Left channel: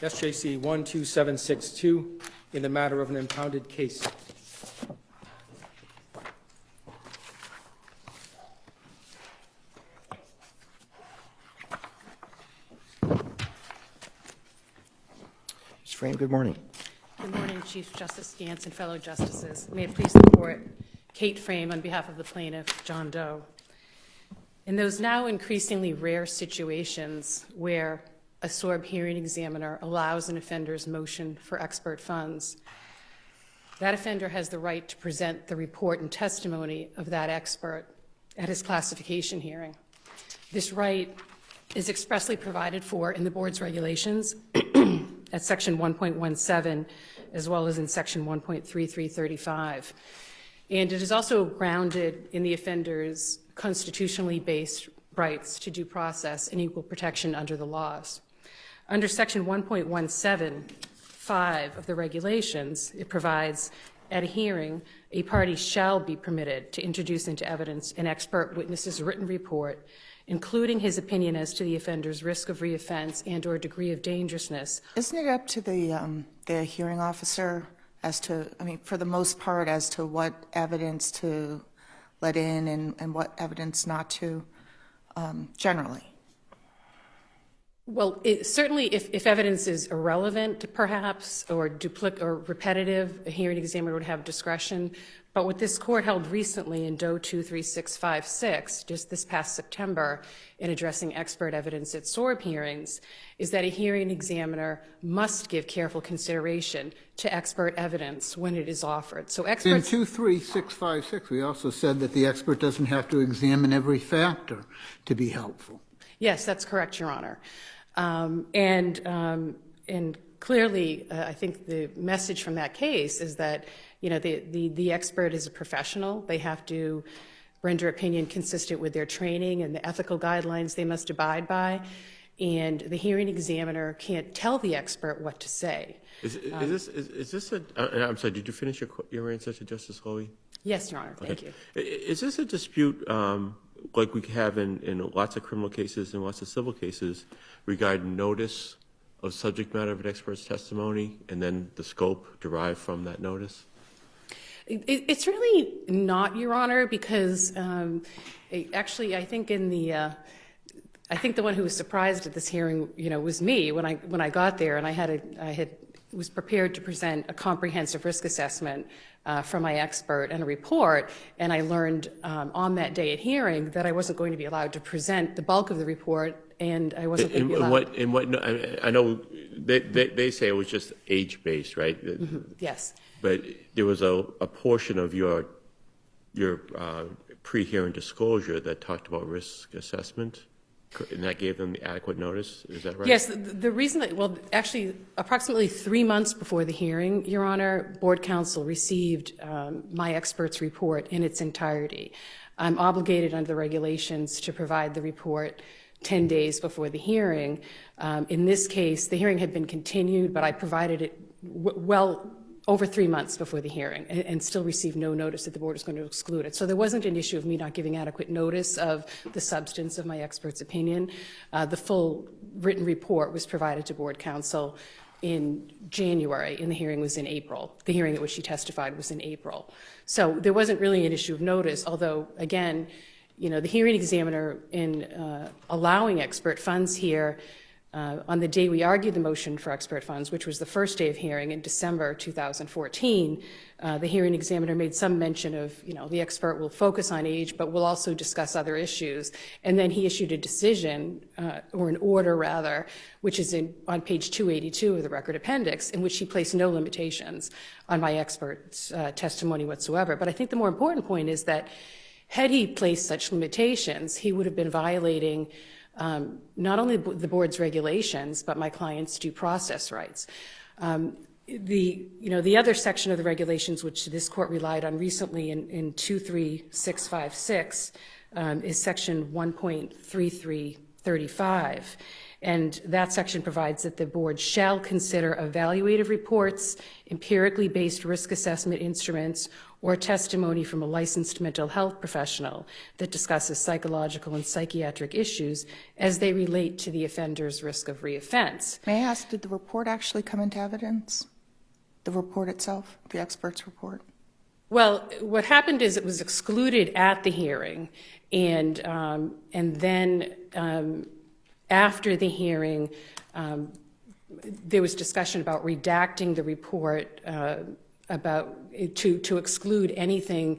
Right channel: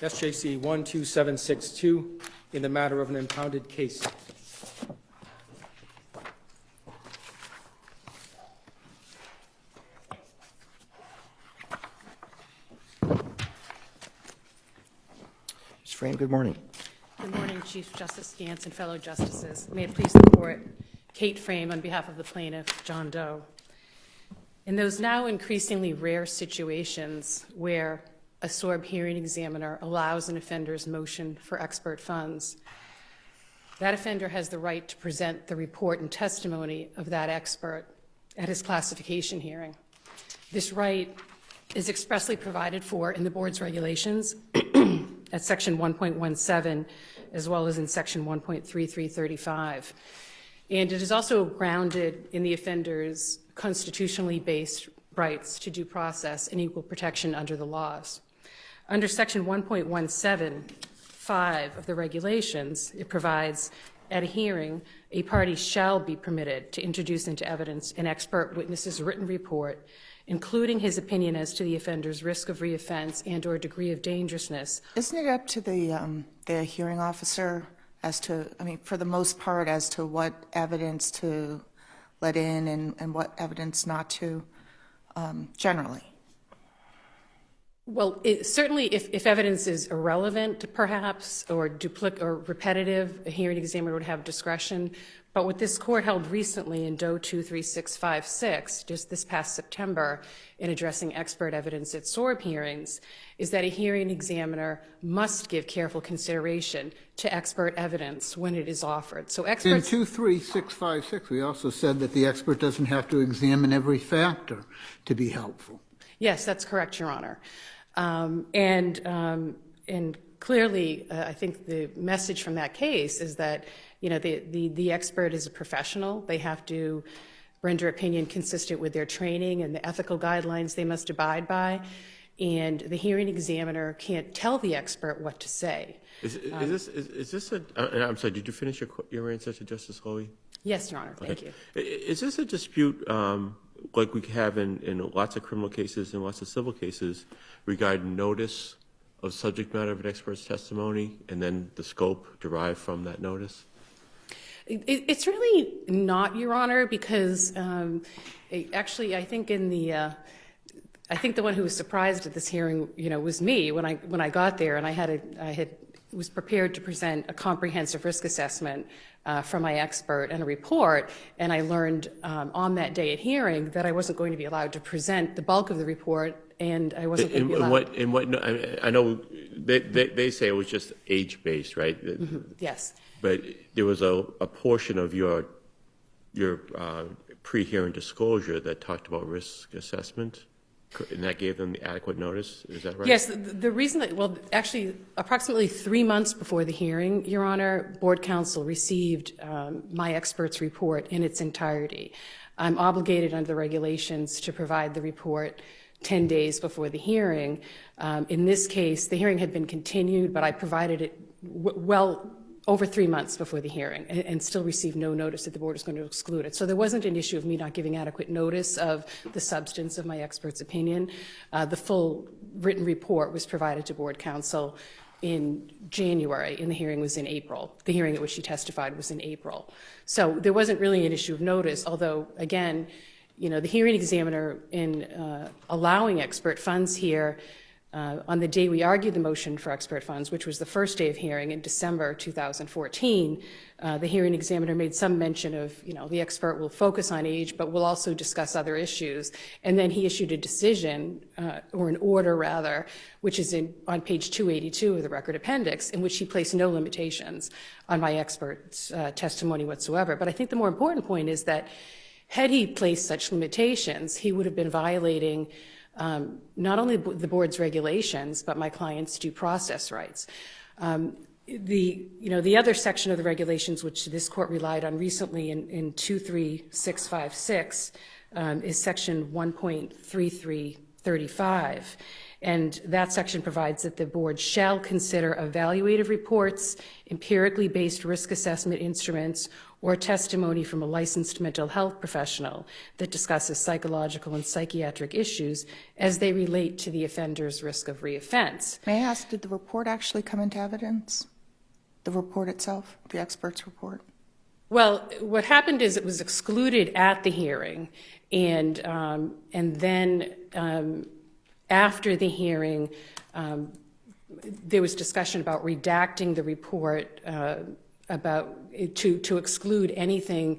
SJC-12762 in the matter of an impounded case. Ms. Frame, good morning. Good morning, Chief Justice Gantz and fellow justices. May it please the Court, Kate Frame on behalf of the plaintiff, John Doe. In those now increasingly rare situations where a SORB hearing examiner allows an offender's motion for expert funds, that offender has the right to present the report and testimony of that expert at his classification hearing. This right is expressly provided for in the board's regulations at section 1.17, as well as in section 1.3335. And it is also grounded in the offender's constitutionally based rights to due process and equal protection under the laws. Under section 1.17(5) of the regulations, it provides, at a hearing, a party shall be permitted to introduce into evidence an expert witness's written report, including his opinion as to the offender's risk of reoffense and or degree of dangerousness. Isn't it up to the hearing officer as to, for the most part, as to what evidence to let in and what evidence not to, generally? Well, certainly if evidence is irrelevant, perhaps, or repetitive, a hearing examiner would have discretion. But what this court held recently in Doe 23656, just this past September, in addressing expert evidence at SORB hearings, is that a hearing examiner must give careful consideration to expert evidence when it is offered. So experts... In 23656, we also said that the expert doesn't have to examine every factor to be helpful. Yes, that's correct, Your Honor. And clearly, I think the message from that case is that, the expert is a professional. They have to render opinion consistent with their training and the ethical guidelines they must abide by. And the hearing examiner can't tell the expert what to say. Is this a, I'm sorry, did you finish your answer to Justice Hoey? Yes, Your Honor, thank you. Is this a dispute like we have in lots of criminal cases and lots of civil cases regarding notice of subject matter of an expert's testimony and then the scope derived from that notice? It's really not, Your Honor, because actually I think the one who was surprised at this hearing, was me when I got there, and I was prepared to present a comprehensive risk assessment from my expert and a report, and I learned on that day at hearing that I wasn't going to be allowed to present the bulk of the report, and I wasn't going to be allowed. I know they say it was just age-based, right? Mm-hmm. Yes. But there was a portion of your pre-hearing disclosure that talked about risk assessment, and that gave them the adequate notice. Is that right? Yes. The reason that, actually, approximately 3 months before the hearing, Your Honor, Board Counsel received my expert's report in its entirety. I'm obligated under the regulations to provide the report 10 days before the hearing. In this case, the hearing had been continued, but I provided it over 3 months before the hearing and still received no notice that the board was going to exclude it. So there wasn't an issue of me not giving adequate notice of the substance of my expert's opinion. The full written report was provided to Board Counsel in January, and the hearing was in April. The hearing at which she testified was in April. So there wasn't really an issue of notice, although, again, the hearing examiner in allowing expert funds here, on the day we argued the motion for expert funds, which was the first day of hearing in December 2014, the hearing examiner made some mention of, the expert will focus on age, but will also discuss other issues. And then he issued a decision, or an order rather, which is on page 282 of the record appendix, in which he placed no limitations on my expert's testimony whatsoever. But I think the more important point is that had he placed such limitations, he would have been violating not only the board's regulations, but my client's due process rights. The other section of the regulations which this court relied on recently in 23656 is section 1.3335. And that section provides that the board shall consider evaluative reports, empirically based risk assessment instruments, or testimony from a licensed mental health professional that discusses psychological and psychiatric issues as they relate to the offender's risk of reoffense. May I ask, did the report actually come into evidence? The report itself, the expert's report? Well, what happened is it was excluded at the hearing, and then after the hearing, there was discussion about redacting the report to exclude anything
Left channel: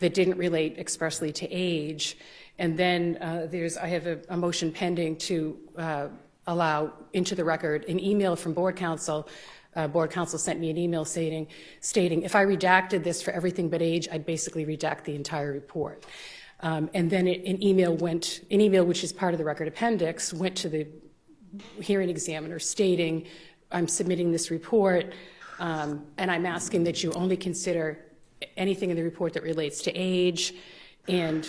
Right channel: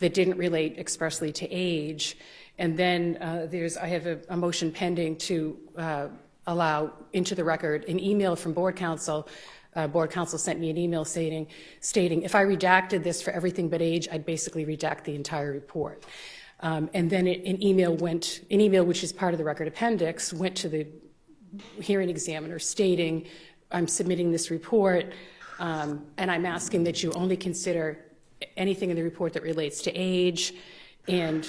that didn't relate expressly to age. And then I have a motion pending to allow into the record an email from board counsel. Board counsel sent me an email stating if I redacted this for everything but age, I'd basically redact the entire report. And then an email which is part of the record appendix went to the hearing examiner stating, I'm submitting this report, and I'm asking that you only consider anything in the report that relates to age. And,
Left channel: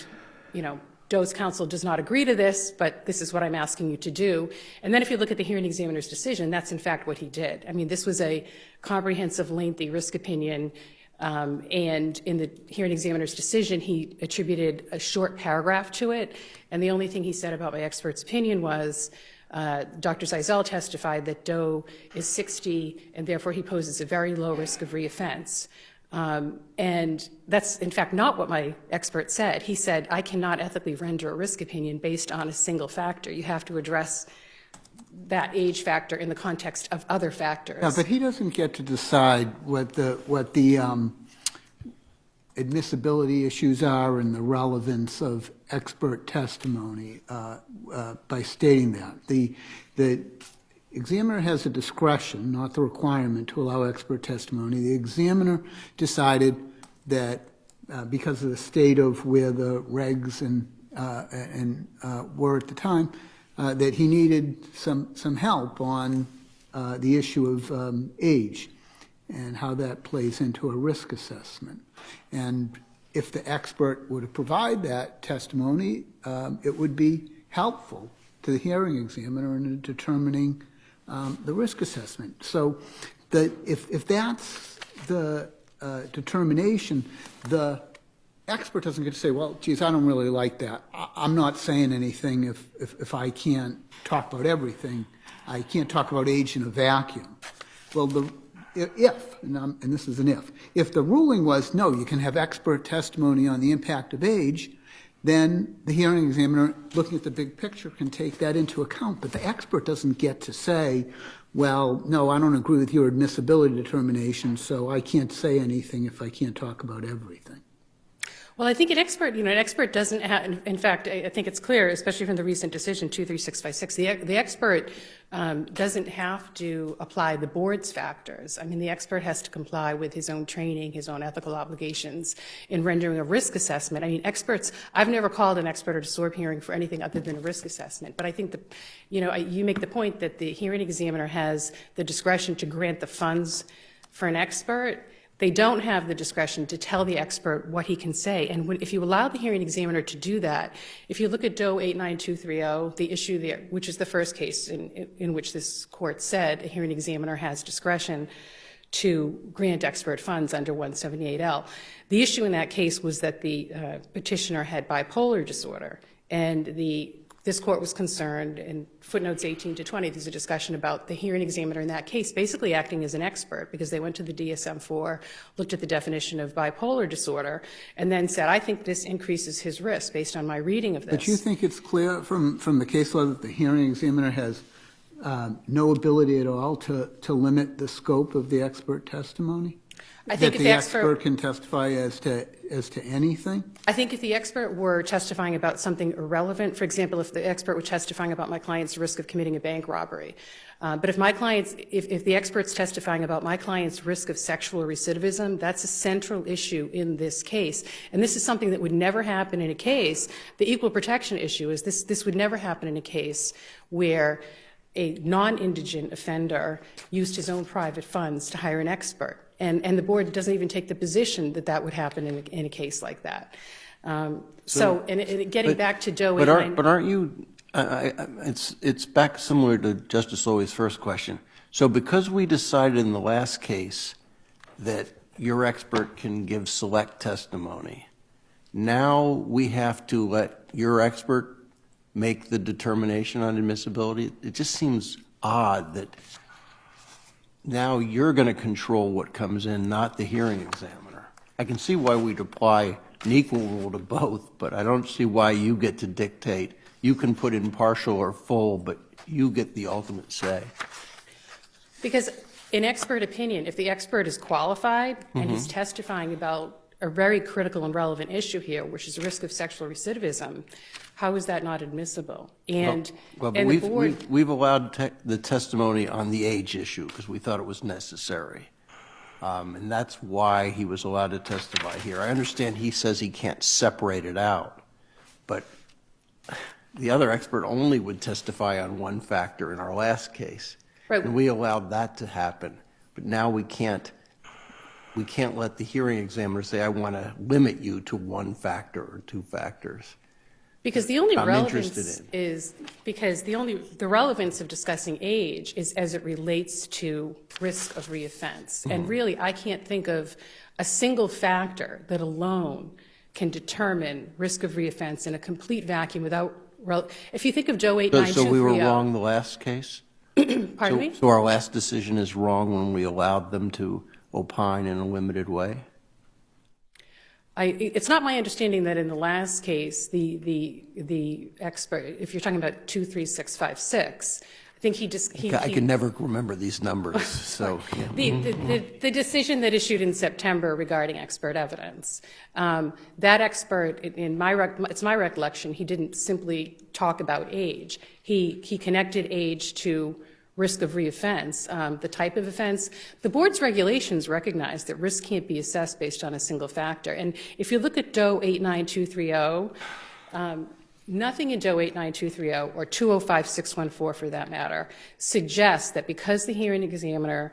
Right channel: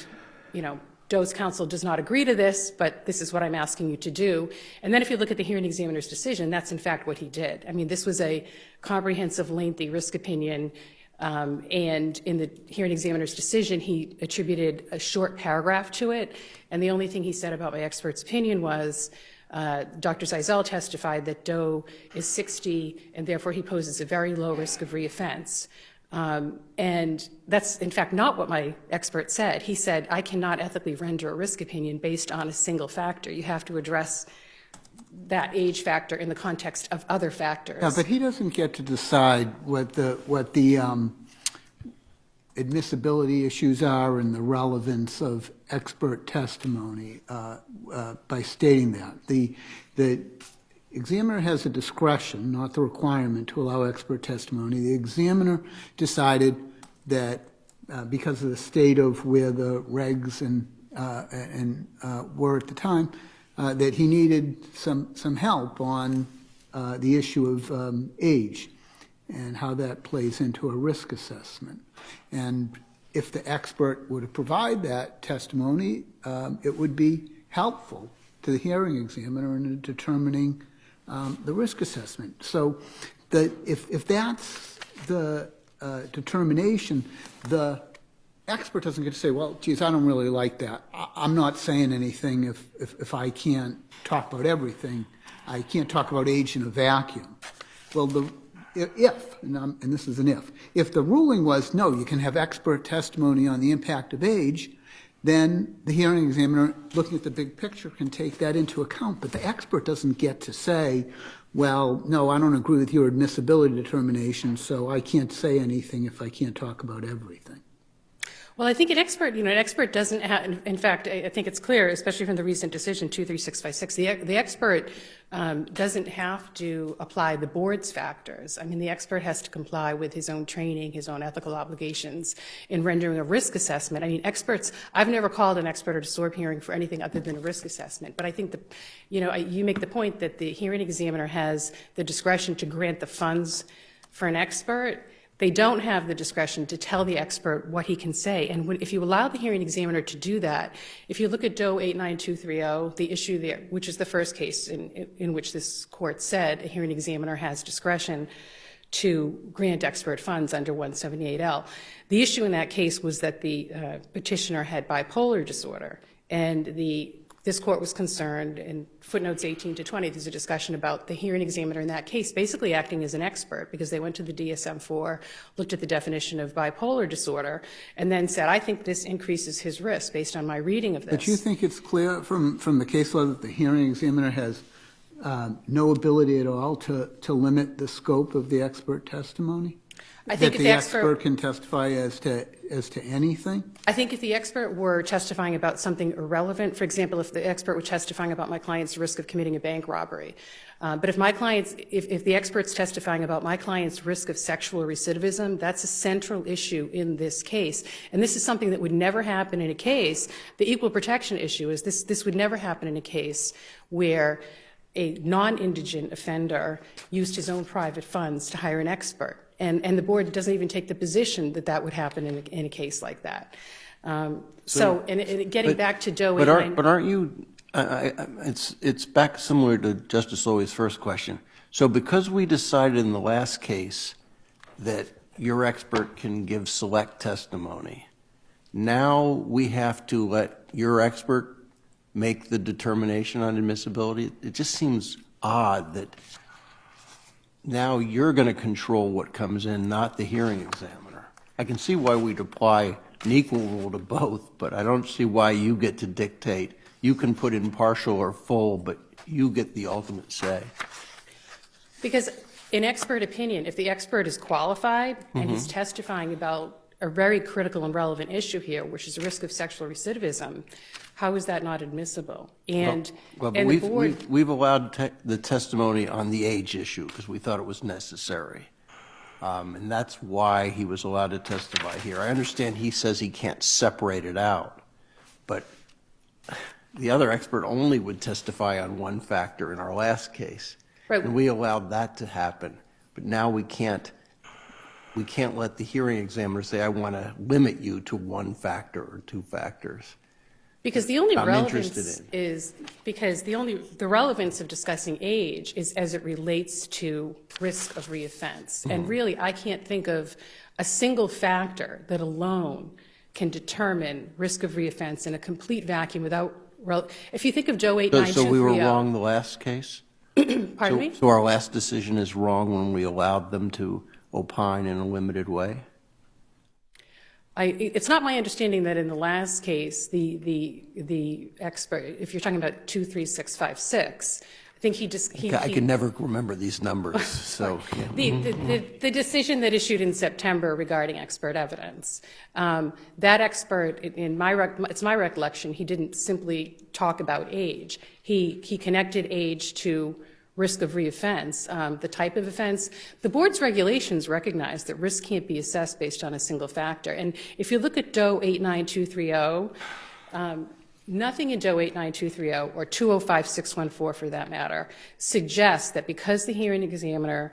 Doe's counsel does not agree to this, but this is what I'm asking you to do. And then if you look at the hearing examiner's decision, that's in fact what he did. I mean, this was a comprehensive, lengthy risk opinion, and in the hearing examiner's decision, he attributed a short paragraph to it, and the only thing he said about my expert's opinion was, Dr. Zeisel testified that Doe is 60, and therefore he poses a very low risk of reoffense. And that's, in fact, not what my expert said. He said, I cannot ethically render a risk opinion based on a single factor. You have to address that age factor in the context of other factors. Yeah, but he doesn't get to decide what the admissibility issues are and the relevance of expert testimony by stating that. The examiner has a discretion, not the requirement, to allow expert testimony. The examiner decided that because of the state of where the regs were at the time, that he needed some help on the issue of age and how that plays into a risk assessment. And if the expert were to provide that testimony, it would be helpful to the hearing examiner in determining the risk assessment. So that if that's the determination, the expert doesn't get to say, well, geez, I don't really like that. I'm not saying anything if I can't talk about everything. I can't talk about age in a vacuum. Well, and this is an if the ruling was, no, you can have expert testimony on the impact of age, then the hearing examiner, looking at the big picture, can take that into account. But the expert doesn't get to say, well, no, I don't agree with your admissibility determination, so I can't say anything if I can't talk about everything. Well, I think an expert doesn't have, in fact, I think it's clear, especially from the recent decision 23656, the expert doesn't have to apply the board's factors. I mean, the expert has to comply with his own training, his own ethical obligations in rendering a risk assessment. I mean, I've never called an expert at a SORB hearing for anything other than a risk assessment. But I think that, you make the point that the hearing examiner has the discretion to grant the funds for an expert. They don't have the discretion to tell the expert what he can say. And if you allow the hearing examiner to do that, if you look at Doe 89230, the issue there, which is the first case in which this court said a hearing examiner has discretion to grant expert funds under 178L, the issue in that case was that the petitioner had bipolar disorder, and this court was concerned, in footnotes 18 to 20, there's a discussion about the hearing examiner in that case basically acting as an expert, because they went to the DSM-4, looked at the definition of bipolar disorder, and then said, I think this increases his risk based on my reading of this. But you think it's clear from the case law that the hearing examiner has no ability at all to limit the scope of the expert testimony? I think that if the expert can testify as to anything? I think if the expert were testifying about something irrelevant, for example, if the expert were testifying about my client's risk of committing a bank robbery, but if the expert's testifying about my client's risk of sexual recidivism, that's a central issue in this case. And this is something that would never happen in a case. The equal protection issue is this would never happen in a case where a non-indigent offender used his own private funds to hire an expert. And the board doesn't even take the position that that would happen in a case like that. Getting back to Doe, but aren't you? It's back similar to Justice Lowey's first question. So because we decided in the last case that your expert can give select testimony. Now we have to let your expert make the determination on admissibility. It just seems odd that now you're going to control what comes in, not the hearing examiner. I can see why we'd apply an equal rule to both, but I don't see why you get to dictate. You can put in partial or full, but you get the ultimate say. Because in expert opinion, if the expert is qualified and he's testifying about a very critical and relevant issue here, which is the risk of sexual recidivism, how is that not admissible? And, Well, and but the board, we've allowed the testimony on the age issue because we thought it was necessary. And that's why he was allowed to testify here. I understand he says he can't separate it out, but the other expert only would testify on one factor in our last case. Right. And we allowed that to happen. But now we can't let the hearing examiner say, I want to limit you to one factor or two factors. because the only I'm relevance interested is, because the relevance of discussing age is as it relates to risk of reoffense. And really, I can't think of a single factor that alone can determine risk of reoffense in a complete vacuum without, if you think of Joe 89230. So we were wrong the last case? Pardon me? So our last decision is wrong when we allowed them to opine in a limited way? It's not my understanding that in the last case, the expert, if you're talking about 23656, I think I can never remember these numbers, so. Yeah. The decision that issued in September regarding expert evidence, that expert, it's my recollection, he didn't simply talk about age. He connected age to risk of reoffense, the type of offense. The board's regulations recognize that risk can't be assessed based on a single factor. And if you look at DOE 89230, nothing in DOE 89230 or 205614 for that matter suggests that because the hearing examiner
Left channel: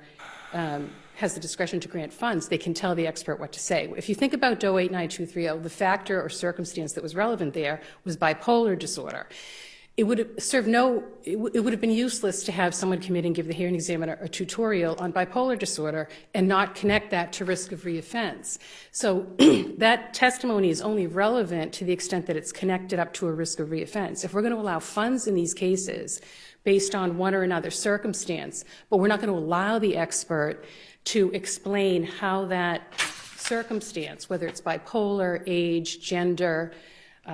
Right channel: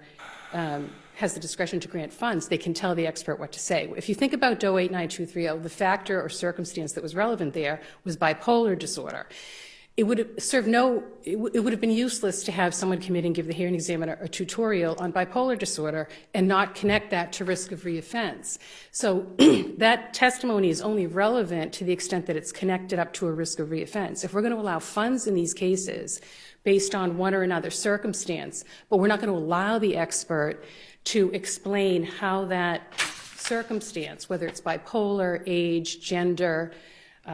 has the discretion to grant funds, they can tell the expert what to say. If you think about DOE 89230, the factor or circumstance that was relevant there was bipolar disorder. It would have been useless to have someone come in and give the hearing examiner a tutorial on bipolar disorder and not connect that to risk of reoffense. So that testimony is only relevant to the extent that it's connected up to a risk of reoffense. If we're going to allow funds in these cases based on one or another circumstance, but we're not going to allow the expert to explain how that circumstance, whether it's bipolar, age, gender,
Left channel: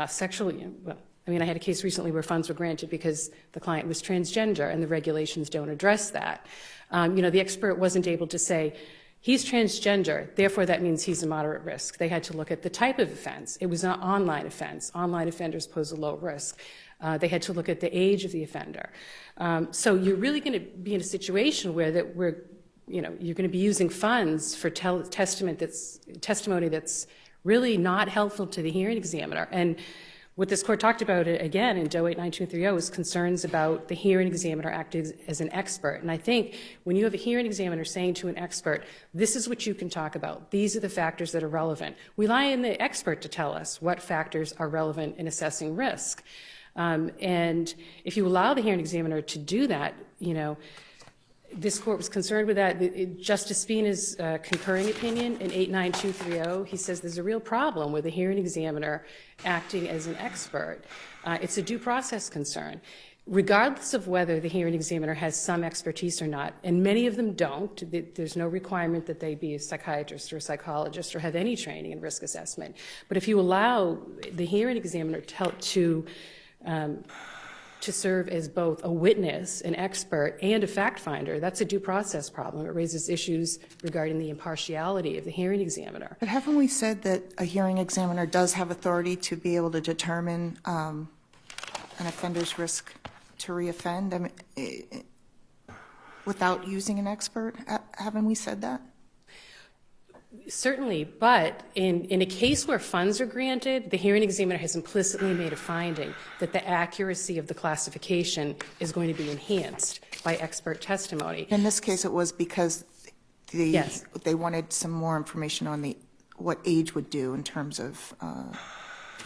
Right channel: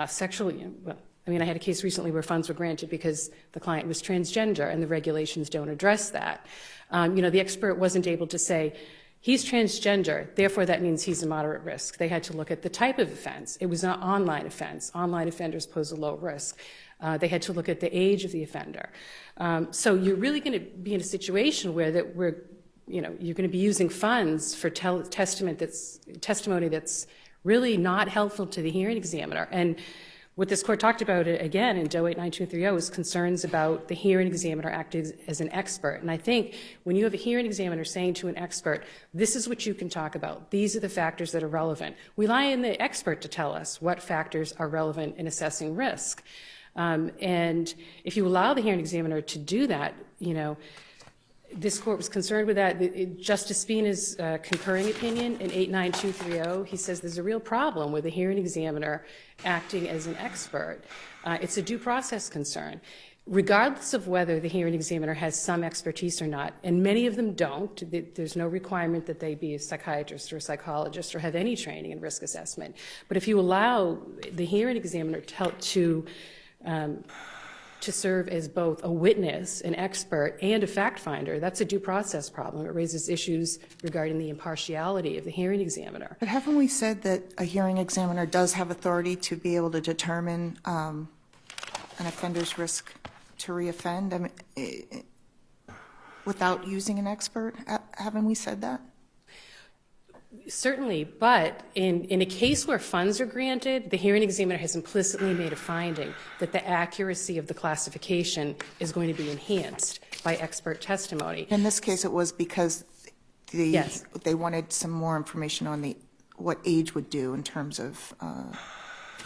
sexually, well, I mean, I had a case recently where funds were granted because the client was transgender, and the regulations don't address that. The expert wasn't able to say, he's transgender, therefore that means he's a moderate risk. They had to look at the type of offense. It was not online offense. Online offenders pose a low risk. They had to look at the age of the offender. So you're really going to be in a situation where you're going to be using funds for testimony that's really not helpful to the hearing examiner. And what this court talked about, again, in DOE 89230 is concerns about the hearing examiner acting as an expert. And I think when you have a hearing examiner saying to an expert, this is what you can talk about, these are the factors that are relevant, we rely on the expert to tell us what factors are relevant in assessing risk. And if you allow the hearing examiner to do that, this court was concerned with that. Justice Spina's concurring opinion in 89230, he says there's a real problem with the hearing examiner acting as an expert. It's a due process concern. Regardless of whether the hearing examiner has some expertise or not, and many of them don't, there's no requirement that they be a psychiatrist or a psychologist or have any training in risk assessment. But if you allow the hearing examiner to serve as both a witness, an expert, and a fact finder, that's a due process problem. It raises issues regarding the impartiality of the hearing examiner. But haven't we said that a hearing examiner does have authority to be able to determine an offender's risk to reoffend? I mean, without using an expert? Haven't we said that? Certainly, but in a case where funds are granted, the hearing examiner has implicitly made a finding that the accuracy of the classification is going to be enhanced by expert testimony. In this case, it was because Yes. they wanted some more information on what age would do in terms of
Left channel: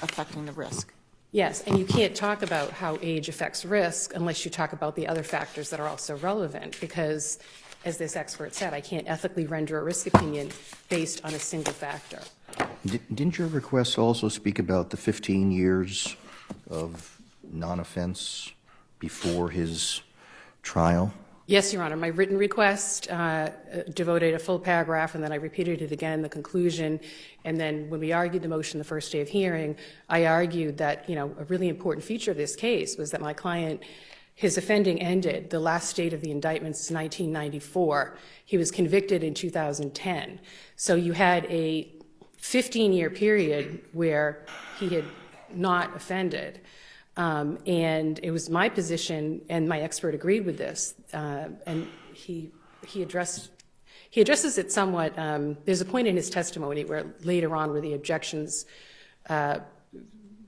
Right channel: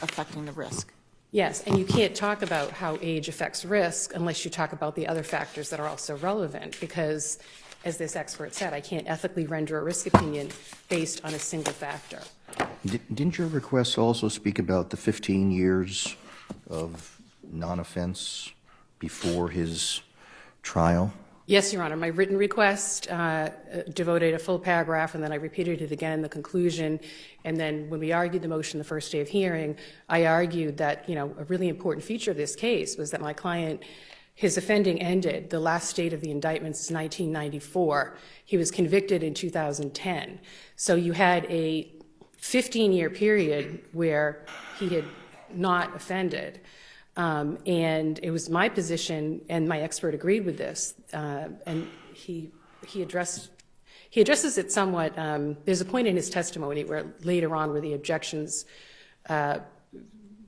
affecting the risk. Yes, and you can't talk about how age affects risk unless you talk about the other factors that are also relevant, because as this expert said, I can't ethically render a risk opinion based on a single factor. Didn't your request also speak about the 15 years of non-offense before his trial? Yes, Your Honor. My written request devoted a full paragraph, and then I repeated it again in the conclusion. And then when we argued the motion the first day of hearing, I argued that, you know, a really important feature of this case was that my client, his offending ended. The last date of the indictment is 1994. He was convicted in 2010. So you had a 15-year period where he had not offended. And it was my position, and my expert agreed with this, and he addresses it somewhat. There's a point in his testimony where later on where the objections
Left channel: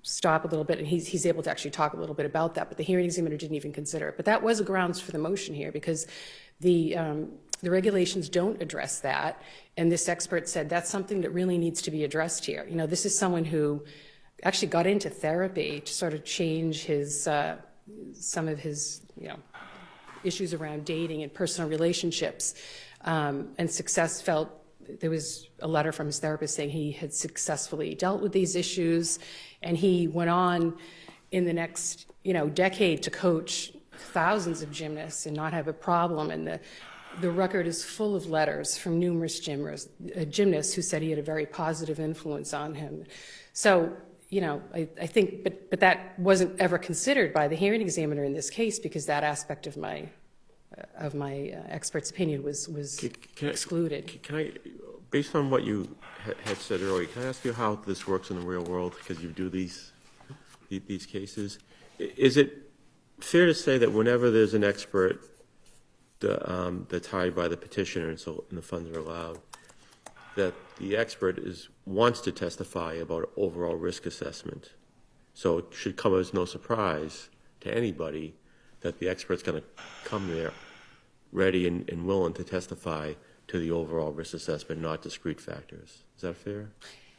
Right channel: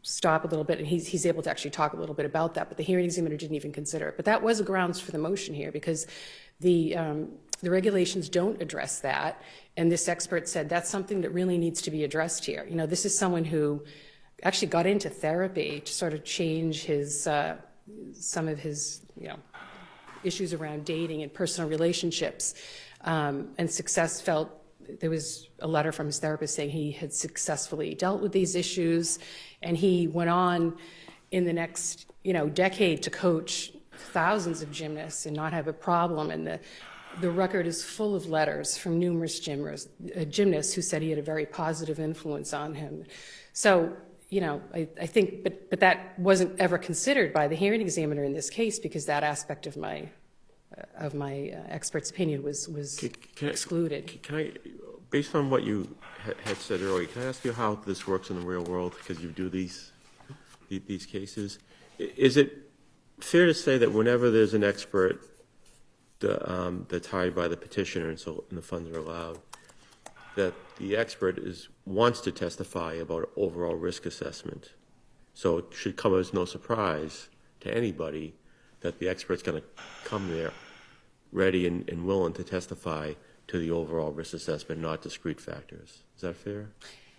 stop a little bit, and he's able to actually talk a little bit about that, but the hearing examiner didn't even consider it. But that was a grounds for the motion here, because the regulations don't address that, and this expert said that's something that really needs to be addressed here. You know, this is someone who actually got into therapy to sort of change his some of his, you know, issues around dating and personal relationships, and felt there was a letter from his therapist saying he had successfully dealt with these issues, and he went on in the next, you know, decade to coach thousands of gymnasts and not have a problem. And the record is full of letters from numerous gymnasts who said he had a very positive influence on him. So, you know, I think, but that wasn't ever considered by the hearing examiner in this case, because that aspect of my expert's opinion was excluded. Can I, based on what you had said earlier, can I ask you how this works in the real world, because you do these cases? Is it fair to say that whenever there's an expert that's hired by the petitioner and the funds are allowed, that the expert wants to testify about overall risk assessment? So it should come as no surprise to anybody that the expert's going to come there ready and willing to testify to the overall risk assessment, not discrete factors. Is that fair?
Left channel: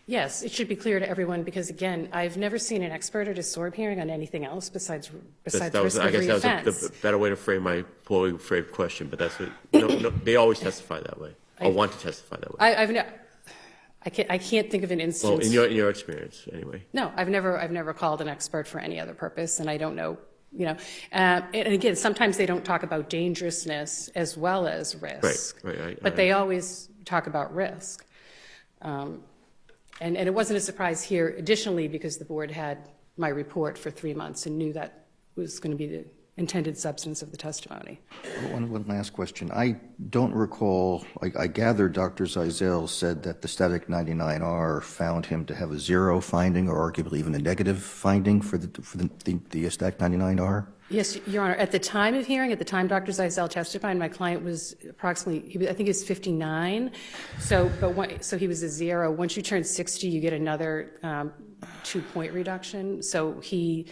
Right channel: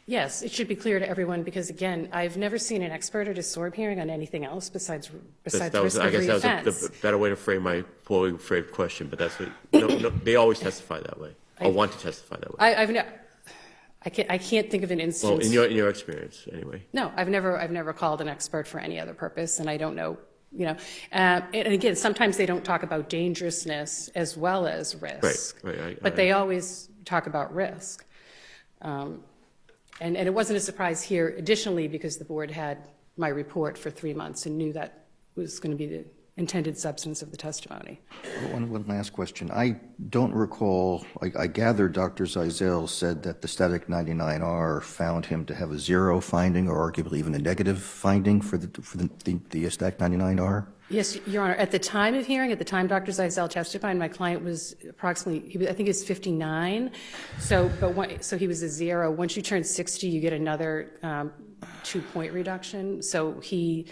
Yes, it should be clear to everyone, because again, I've never seen an expert at a SORB hearing on anything else besides risk of reoffense. I guess that was the better way to frame my poorly framed question, but that's what, no, they always testify that way, or want to testify that way. I can't think of an instance. Well, in your experience, anyway. No, I've never called an expert for any other purpose, and I don't know, you know. And again, sometimes they don't talk about dangerousness as well as risk. Right. But they always talk about risk. And it wasn't a surprise here, additionally, because the board had my report for 3 months and knew that was going to be the intended substance of the testimony. One last question. I don't recall, I gather Dr. Zeisel said that the static 99R found him to have a 0 finding, or arguably even a negative finding for the static 99R? Yes, Your Honor. At the time of hearing, at the time Dr. Zeisel testified, my client was approximately, I think he was 59. So he was a 0. Once you turn 60, you get another 2-point reduction. So he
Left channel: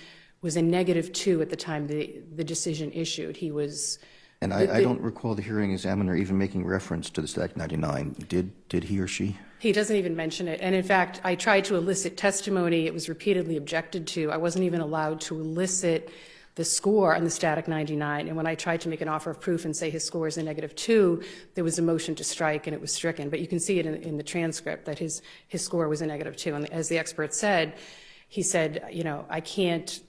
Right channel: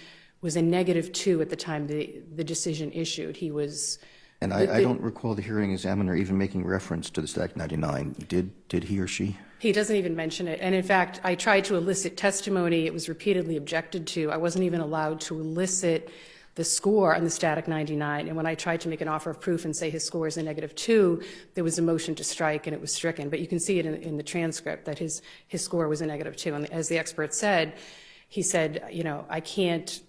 was a -2 at the time the decision issued. He was. And I don't recall the hearing examiner even making reference to the static 99. Did he or she? He doesn't even mention it. And in fact, I tried to elicit testimony. It was repeatedly objected to. I wasn't even allowed to elicit the score on the static 99. And when I tried to make an offer of proof and say his score is a -2, there was a motion to strike and it was stricken. But you can see it in the transcript that his score was a -2. And as the expert said, he said, you know, I can't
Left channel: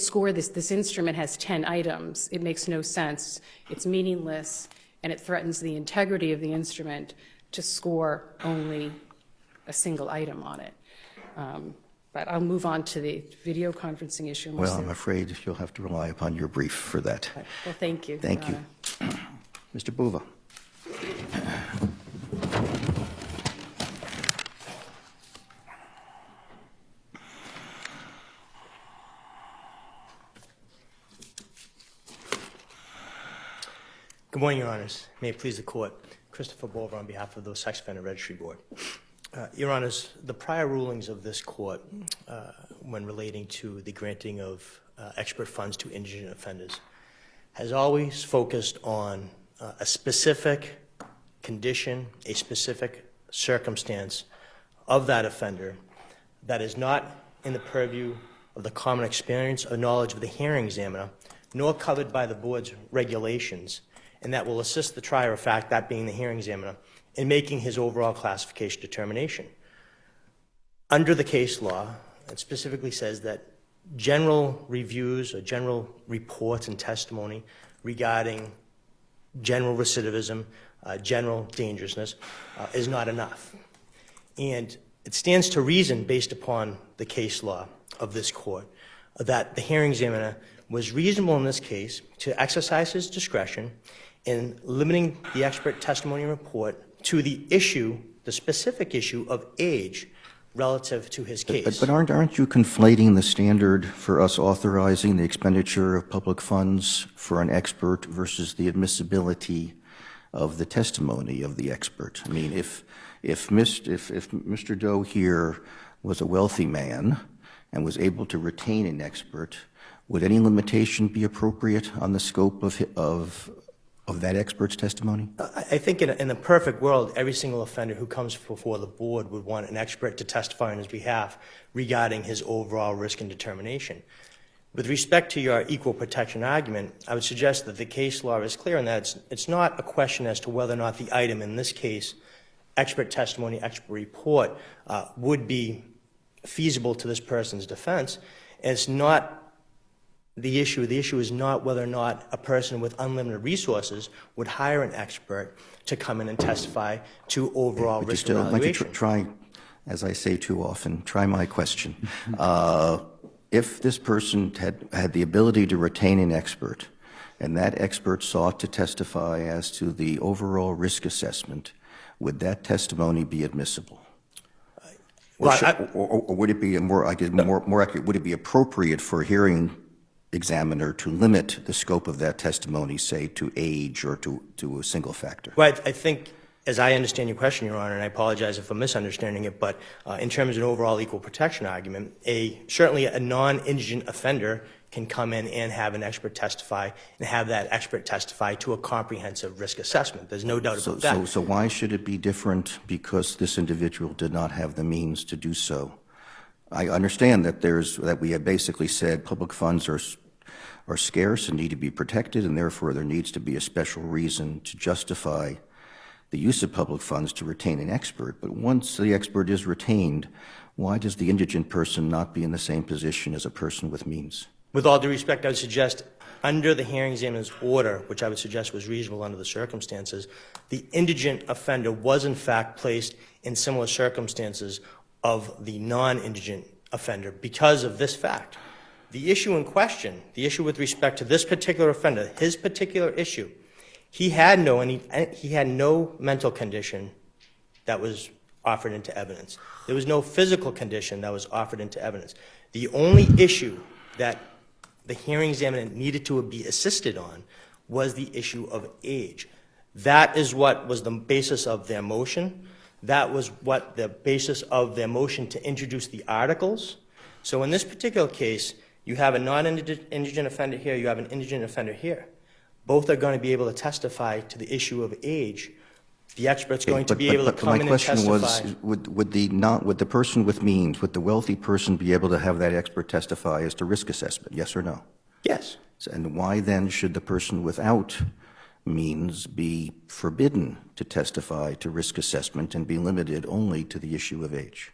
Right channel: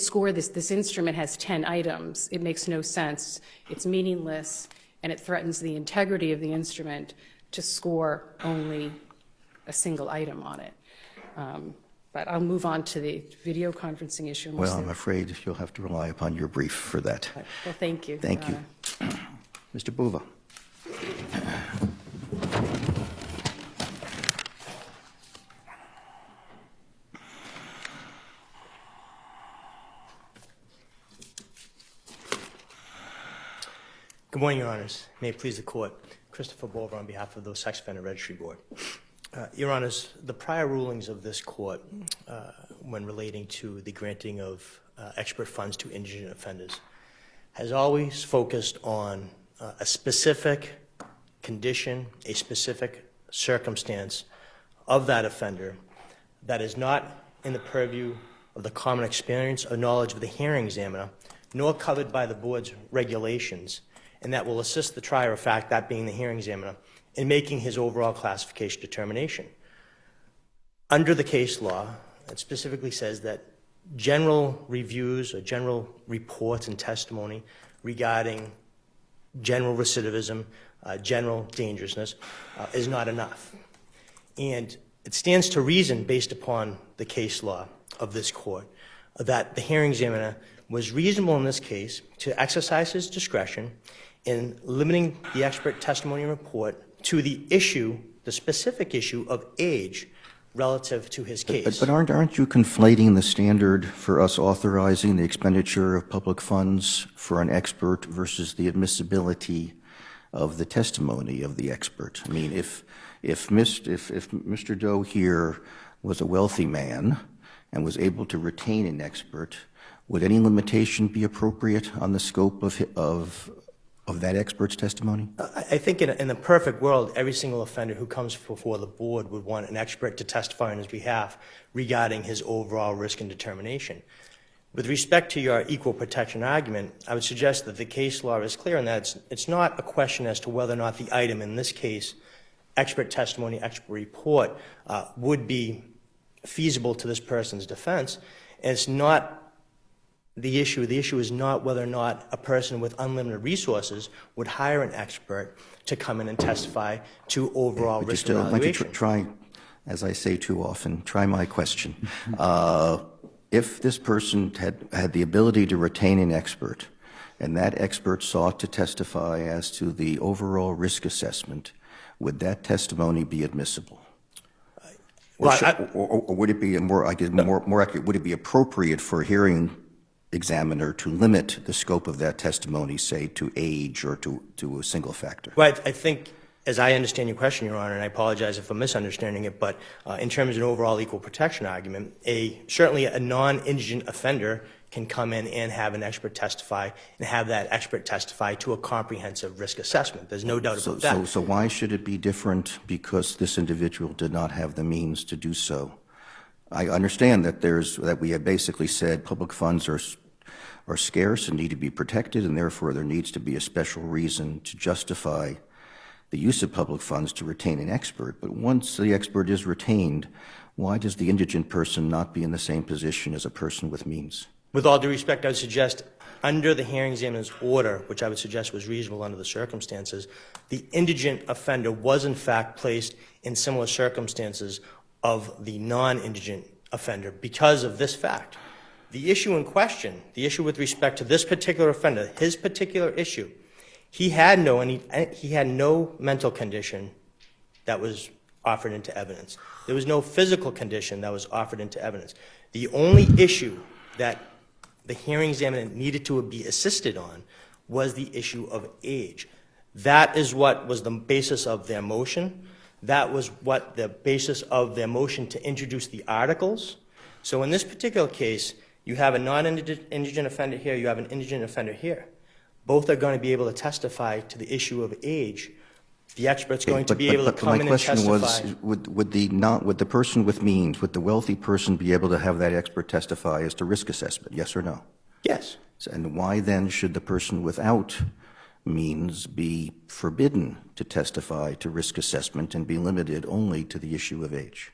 score this. This instrument has 10 items. It makes no sense. It's meaningless, and it threatens the integrity of the instrument to score only a single item on it. But I'll move on to the video conferencing issue. Well, I'm afraid you'll have to rely upon your brief for that. Well, thank you. Thank you. Mr. Buva. Good morning, Your Honors. May it please the Court. Christopher Bolger on behalf of the Sex Offender Registry Board. Your Honors, the prior rulings of this Court when relating to the granting of expert funds to indigent offenders has always focused on a specific condition, a specific circumstance of that offender that is not in the purview of the common experience or knowledge of the hearing examiner, nor covered by the Board's regulations, and that will assist the trier of fact, that being the hearing examiner, in making his overall classification determination. Under the case law, it specifically says that general reviews or general reports and testimony regarding general recidivism, general dangerousness is not enough. And it stands to reason, based upon the case law of this court, that the hearing examiner was reasonable in this case to exercise his discretion in limiting the expert testimony report to the issue, the specific issue of age relative to his case. But aren't you conflating the standard for us authorizing the expenditure of public funds for an expert versus the admissibility of the testimony of the expert? I mean, if Mr. Doe here was a wealthy man and was able to retain an expert, would any limitation be appropriate on the scope of that expert's testimony? I think in a perfect world, every single offender who comes before the board would want an expert to testify on his behalf regarding his overall risk and determination. With respect to your equal protection argument, I would suggest that the case law is clear in that it's not a question as to whether or not the item in this case, expert testimony, expert report, would be feasible to this person's defense. And it's not the issue. The issue is not whether or not a person with unlimited resources would hire an expert to come in and testify to overall risk I'd like evaluation. to try, as I say too often, try my question. If this person had the ability to retain an expert, and that expert sought to testify as to the overall risk assessment, would that testimony be admissible? Or would it be more accurate? Would it be appropriate for a hearing examiner to limit the scope of that testimony, say, to age or to a single factor? Well, I think, as I understand your question, Your Honor, and I apologize if I'm misunderstanding it, but in terms of an overall equal protection argument, certainly a non-indigent offender can come in and have an expert testify and have that expert testify to a comprehensive risk assessment. There's no doubt about that. So why should it be different because this individual did not have the means to do so? I understand that we have basically said public funds are scarce and need to be protected, and therefore there needs to be a special reason to justify the use of public funds to retain an expert. But once the expert is retained, why does the indigent person not be in the same position as a person with means? With all due respect, I would suggest under the hearing examiner's order, which I would suggest was reasonable under the circumstances, the indigent offender was in fact placed in similar circumstances of the non-indigent offender because of this fact. The issue in question, the issue with respect to this particular offender, his particular issue, he had no mental condition that was offered into evidence. There was no physical condition that was offered into evidence. The only issue that the hearing examiner needed to be assisted on was the issue of age. That is what was the basis of their motion. That was what the basis of their motion to introduce the articles. So in this particular case, you have a non-indigent offender here, you have an indigent offender here. Both are going to be able to testify to the issue of age. The expert's going to be able to come in and testify. My question was, would the person with means, would the wealthy person be able to have that expert testify as to risk assessment, yes or no? Yes. And why then should the person without means be forbidden to testify to risk assessment and be limited only to the issue of age?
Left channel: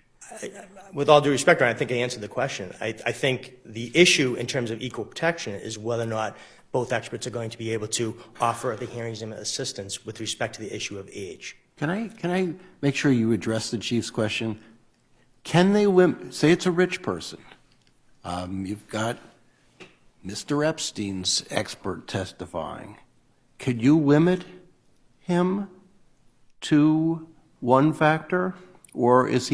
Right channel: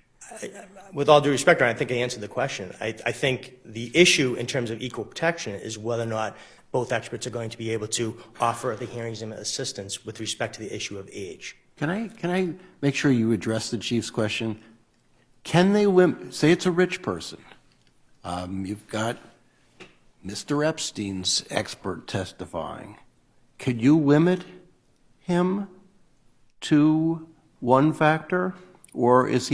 With all due respect, I think I answered the question. I think the issue in terms of equal protection is whether or not both experts are going to be able to offer the hearing examiner assistance with respect to the issue of age. Can I make sure you address the Chief's question? Can they say it's a rich person? You've got Mr. Epstein's expert testifying. Could you limit him to one factor, or does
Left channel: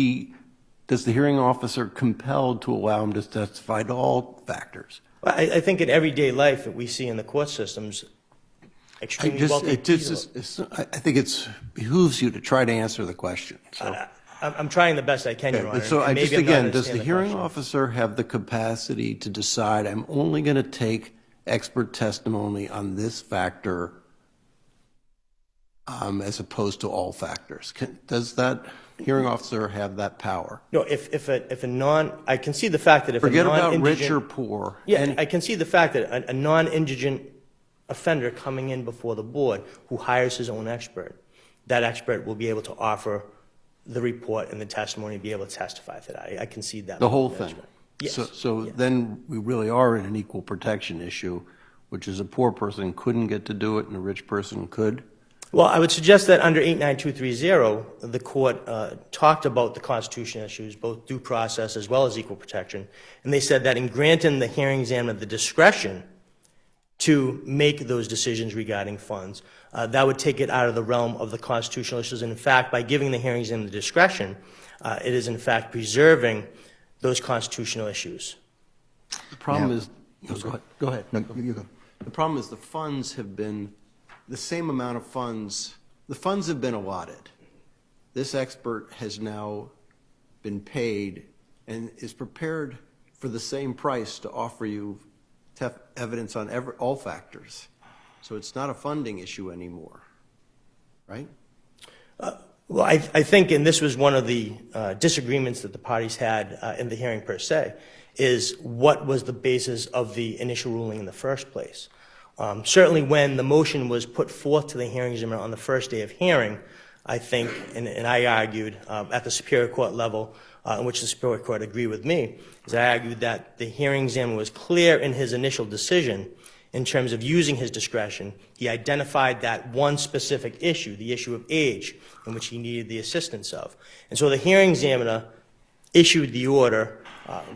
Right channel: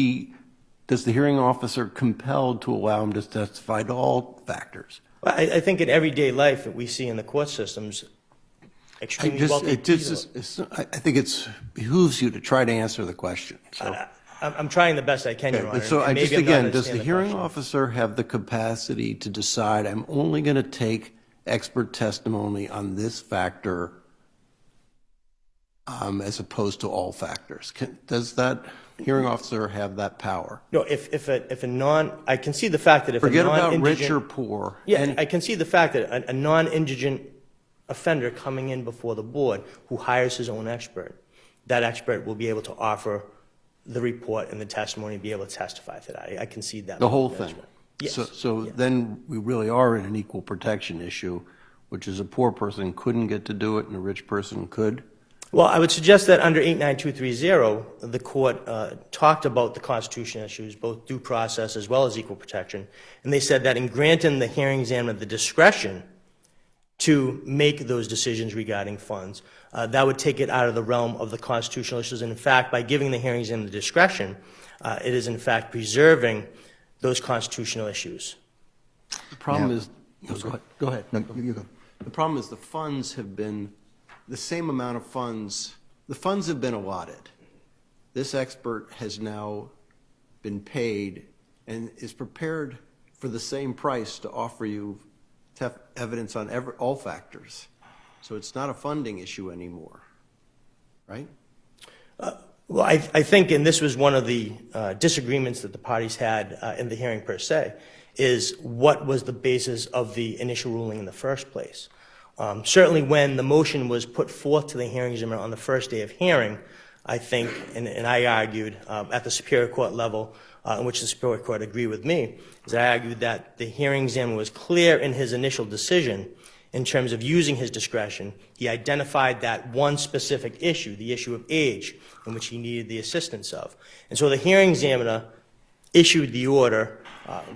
the hearing officer compelled to allow him to testify to all factors? Well, I think in everyday life that we see in the court systems, extremely wealthy people. I think it behooves you to try to answer the question. So. I'm trying the best I can, Your Honor. So and maybe I'm not does the understanding hearing question. officer have the capacity to decide, I'm only going to take expert testimony on this factor as opposed to all factors? Does that hearing officer have that power? No, I can see the fact that if Forget a about non-indigent... rich or poor. Yeah, I can see the fact that a non-indigent offender coming in before the board who hires his own expert, that expert will be able to offer the report and the testimony, be able to testify to that. I concede that. The whole thing? Yes. So then we really are in an equal protection issue, which is a poor person couldn't get to do it and a rich person could? Well, I would suggest that under 89230, the court talked about the constitutional issues, both due process as well as equal protection, and they said that in granting the hearing examiner the discretion to make those decisions regarding funds, that would take it out of the realm of the constitutional issues. And in fact, by giving the hearing examiner the discretion, it is in fact preserving those constitutional issues. The problem Now- is, go ahead. No, you go. The problem is the funds have been, the same amount of funds, the funds have been allotted. This expert has now been paid and is prepared for the same price to offer you evidence on all factors. So it's not a funding issue anymore, right? Well, I think, and this was one of the disagreements that the parties had in the hearing per se, is what was the basis of the initial ruling in the first place. Certainly when the motion was put forth to the hearing examiner on the first day of hearing, I think, and I argued at the Superior Court level, in which the Superior Court agreed with me, is I argued that the hearing examiner was clear in his initial decision in terms of using his discretion. He identified that one specific issue, the issue of age, in which he needed the assistance of. And so the hearing examiner issued the order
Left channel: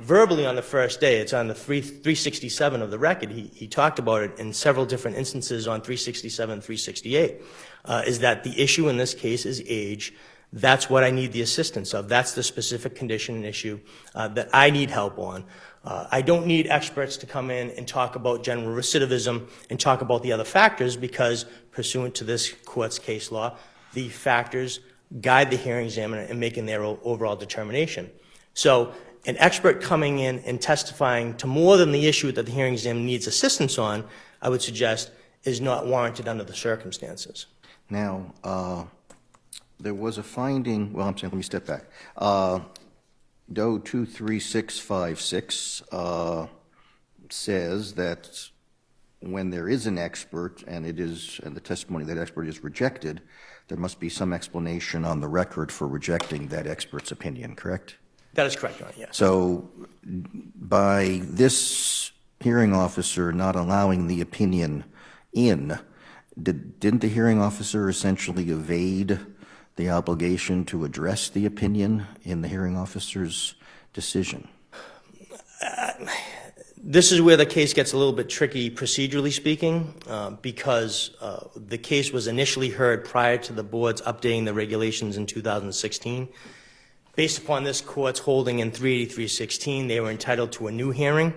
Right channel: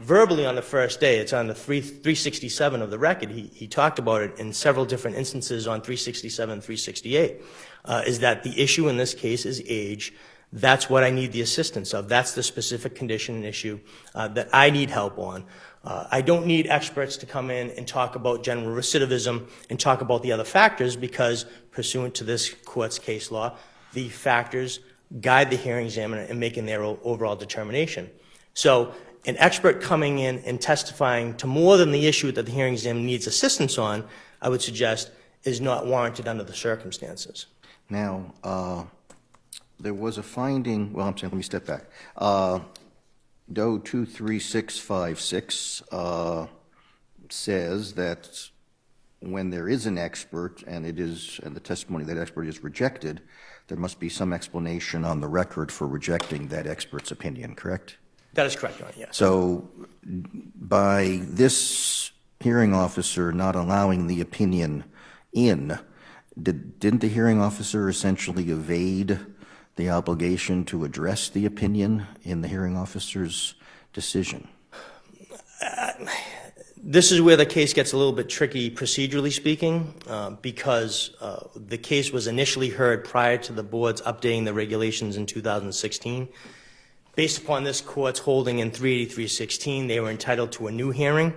verbally on the first day. It's on the 367 of the record. He talked about it in several different instances on 367 and 368, is that the issue in this case is age. That's what I need the assistance of. That's the specific condition and issue that I need help on. I don't need experts to come in and talk about general recidivism and talk about the other factors because, pursuant to this court's case law, the factors guide the hearing examiner in making their overall determination. So an expert coming in and testifying to more than the issue that the hearing examiner needs assistance on, I would suggest, is not warranted under the circumstances. Now, there was a finding, well, I'm saying, let me step back. Doe 23656 says that when there is an expert and the testimony of that expert is rejected, there must be some explanation on the record for rejecting that expert's opinion, correct? That is correct, Your Honor, yes. So by this hearing officer not allowing the opinion in, didn't the hearing officer essentially evade the obligation to address the opinion in the hearing officer's decision? This is where the case gets a little bit tricky, procedurally speaking, because the case was initially heard prior to the board's updating the regulations in 2016. Based upon this court's holding in 38316, they were entitled to a new hearing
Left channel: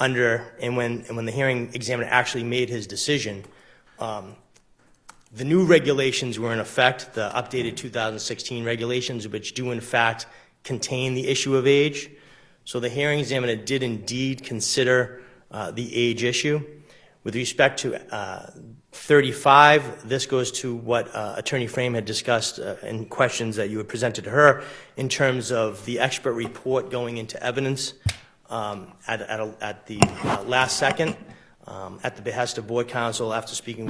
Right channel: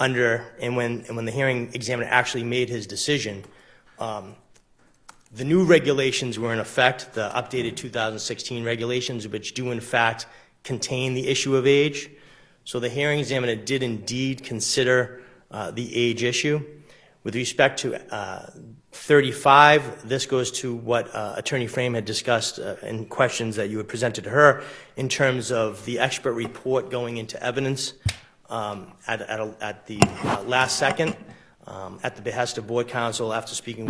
and when the hearing examiner actually made his decision, the new regulations were in effect, the updated 2016 regulations, which do in fact contain the issue of age. So the hearing examiner did indeed consider the age issue. With respect to 35, this goes to what Attorney Frame had discussed in questions that you had presented to her in terms of the expert report going into evidence at the last second at the behest of board counsel after speaking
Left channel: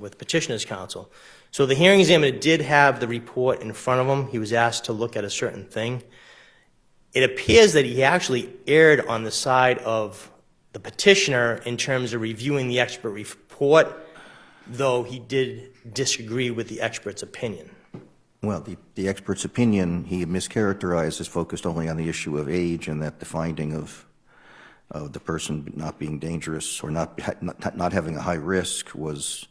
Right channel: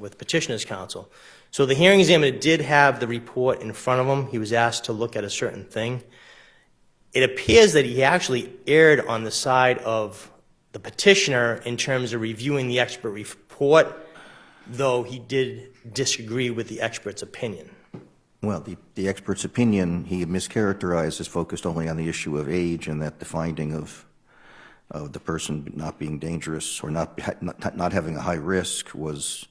with petitioner's counsel. So the hearing examiner did have the report in front of him. He was asked to look at a certain thing. It appears that he actually erred on the side of the petitioner in terms of reviewing the expert report, though he did disagree with the expert's opinion. Well, the expert's opinion, he mischaracterized as focused only on the issue of age and that the finding of the person not being dangerous or not having a high risk was